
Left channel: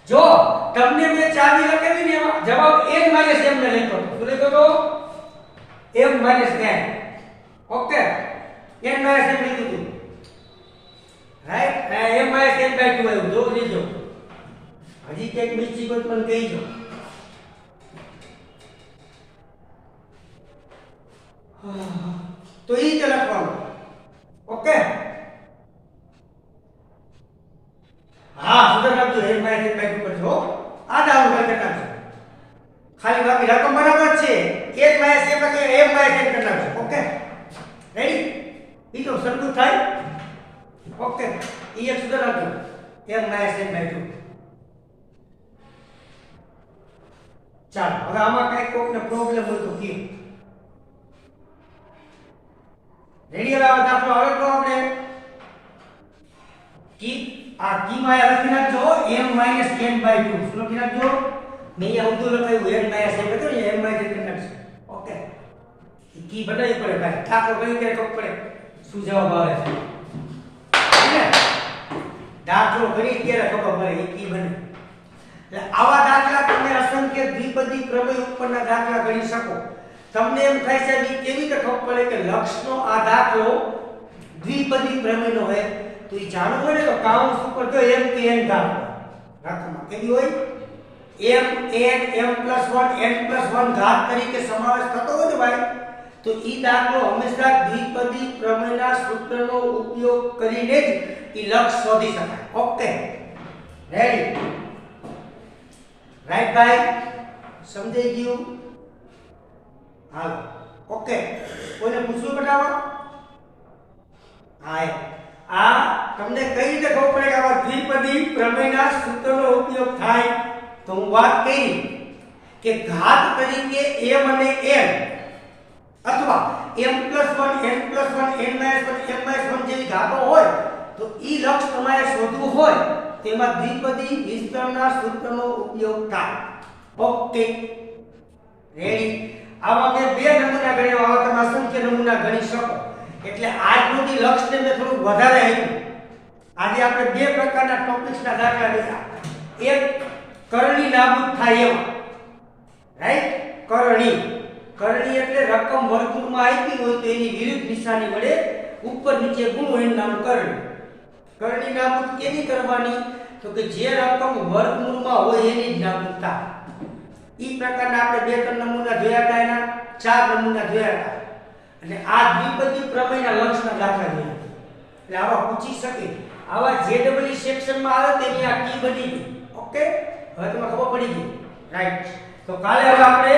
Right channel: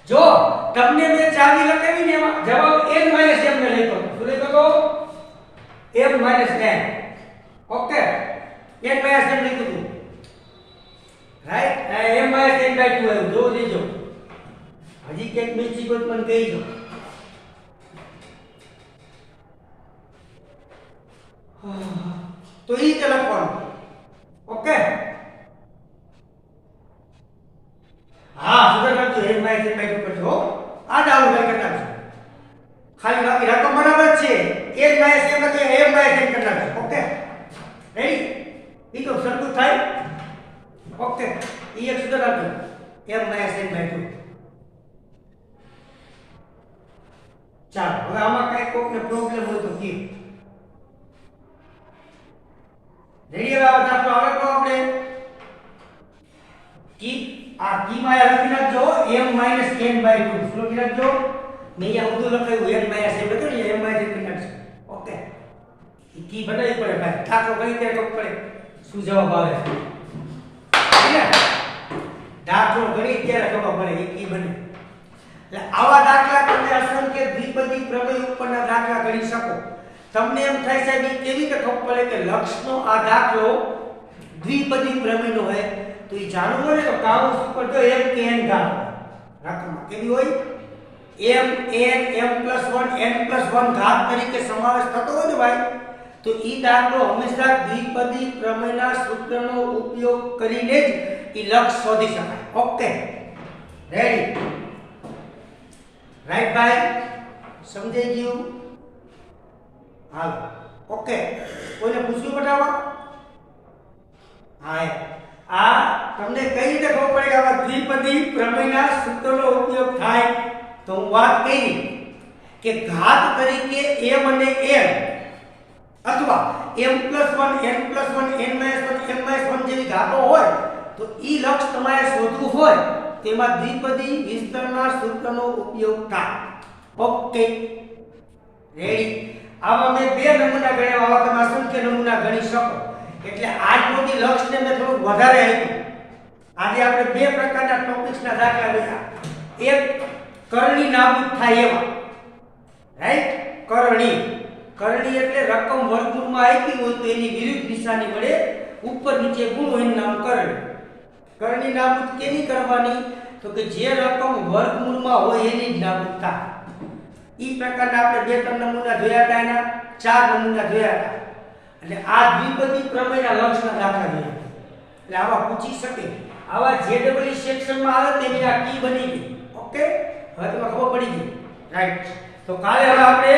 જો તમને મેં ચાવી લખાવી ને એમાં જવાબ n - m ને લખ્યો શું લખ્યો તો m - n okay n - m લખ્યું હતું રાઈટ m - n/2 આવ્યું જો લીજો હજી કેક મિસ્ટેક હોય મને કહીજો તો ઈ રીતે લખવાનું ઓકે હા સુધર લખજો m - n/2 પર જો આ ડાઉન કરી નાખજો ખાલી બાકી રકમ બરાબર છે n - m કે m - n કરી નાખજો ઓકે રેડી ઈ તો સરખું થાય ઓકે ઈ એક સુધર લખજો m - n/2 ચાલો હવે આમાં કઈ કોકને પ્રોબ્લેમ હોય તો કે રેડી હવે આ દાખલો આગળ કરો આપણે કી આ કી માં લખી નાખજો m - n/2 શું લખી નાખજો મેં અહીંયા ઊંધું લખાયું n - n હતો ને m માં કરી નાખજો ઓકે કી બનાવી પડે ભાઈ દાખલો કરી દે ખબર પડે શું જવાબ આવે છે દાખલો કરી ત્યારે ખબર પડે એ કી બને એટલે આવા દાખલા તમે અસંખ્ય દ્વિપદી પ્રમેય ઉપરના દાખલા ગણી શકો તમને એમ થાય છે કે કેવી રીતે ખબર પડે કે લક્ષનો આ દાખલો દ્વિપદી પ્રમેયનો હોય તો એ જાણવું હોય ને તો કાઉન્સ ઉપર જો m કે n ઘાત રાખવામાં કેવી હોય m n m+1 n+1 ઘાત તરીકે સમાવેશ થતો હોય ને ભાઈ તો ઈ દાખલો હંમેશા દ્વિપદી પ્રમેયના સૂત્રનો ઉપયોગ કરીને જ ઈ લક્ષ શોધી શકાય ઓકે રેડી રાઈટ ભાઈ સમજાઈ ગયું હાલ ઓકે કોઈને પૂછવું બતાવો હા આ તમને કઈ રીતે ખબર પડે કે આવા દ્વિપદી પ્રમેયના સૂત્રનો ઉપયોગ થાય તો હું વાત કરી કે ઘાત તરીકે m અને n અથવા m+1 n+1 n-1 m-1 જેવી ઘાતો હોય તો ઈ લક્ષ તમારે શોધવું હોય તેમાં દ્વિપદી વિસ્તરણના સૂત્રનો ઉપયોગ થાય ઓકે રેડી આવા મેં બે નમૂના ગણ્યા આવા તમે અસંખ્ય નમૂના ગણી શકો એટલે આજ સુધી લક્ષને મેં થોડું વધારે આપ્યું આજે આપણે બે પ્રકારના ટોપિક્સના દાખલા જોયા એક કરણી નાબૂદ થાય એવા રાઈટ કરણી એટલે રકમ વર્ગમૂળમાં આપી હોય તો એની વિરુદ્ધ નિશાની વડે ઉપર નીચે ગુણવું એનું નામ કરણી નાબૂદ કેની કરવાની તો કે જે રકમ વર્ગમૂળમાં હોય એની જ નાબૂદ થાય ઈ પ્રકારના આપણે બે ત્રણ નમૂના જોયા હતા એના ચાર નમૂના જોયા હતા અને આ દ્વિપદી પ્રમેયના લક્ષના દાખલા જોયા એટલે આવા પૂછી શકે આવા જેડબલ્યુ સેક્શનમાં આવે તેની આ કી બની ગઈ ઓકે હવે તમને ખબર પડી ગઈ રાઈટ તો કાલે હવે આપણે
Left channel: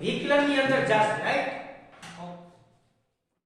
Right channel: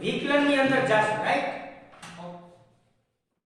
વિકલનની અંદર જાશું રાઈટ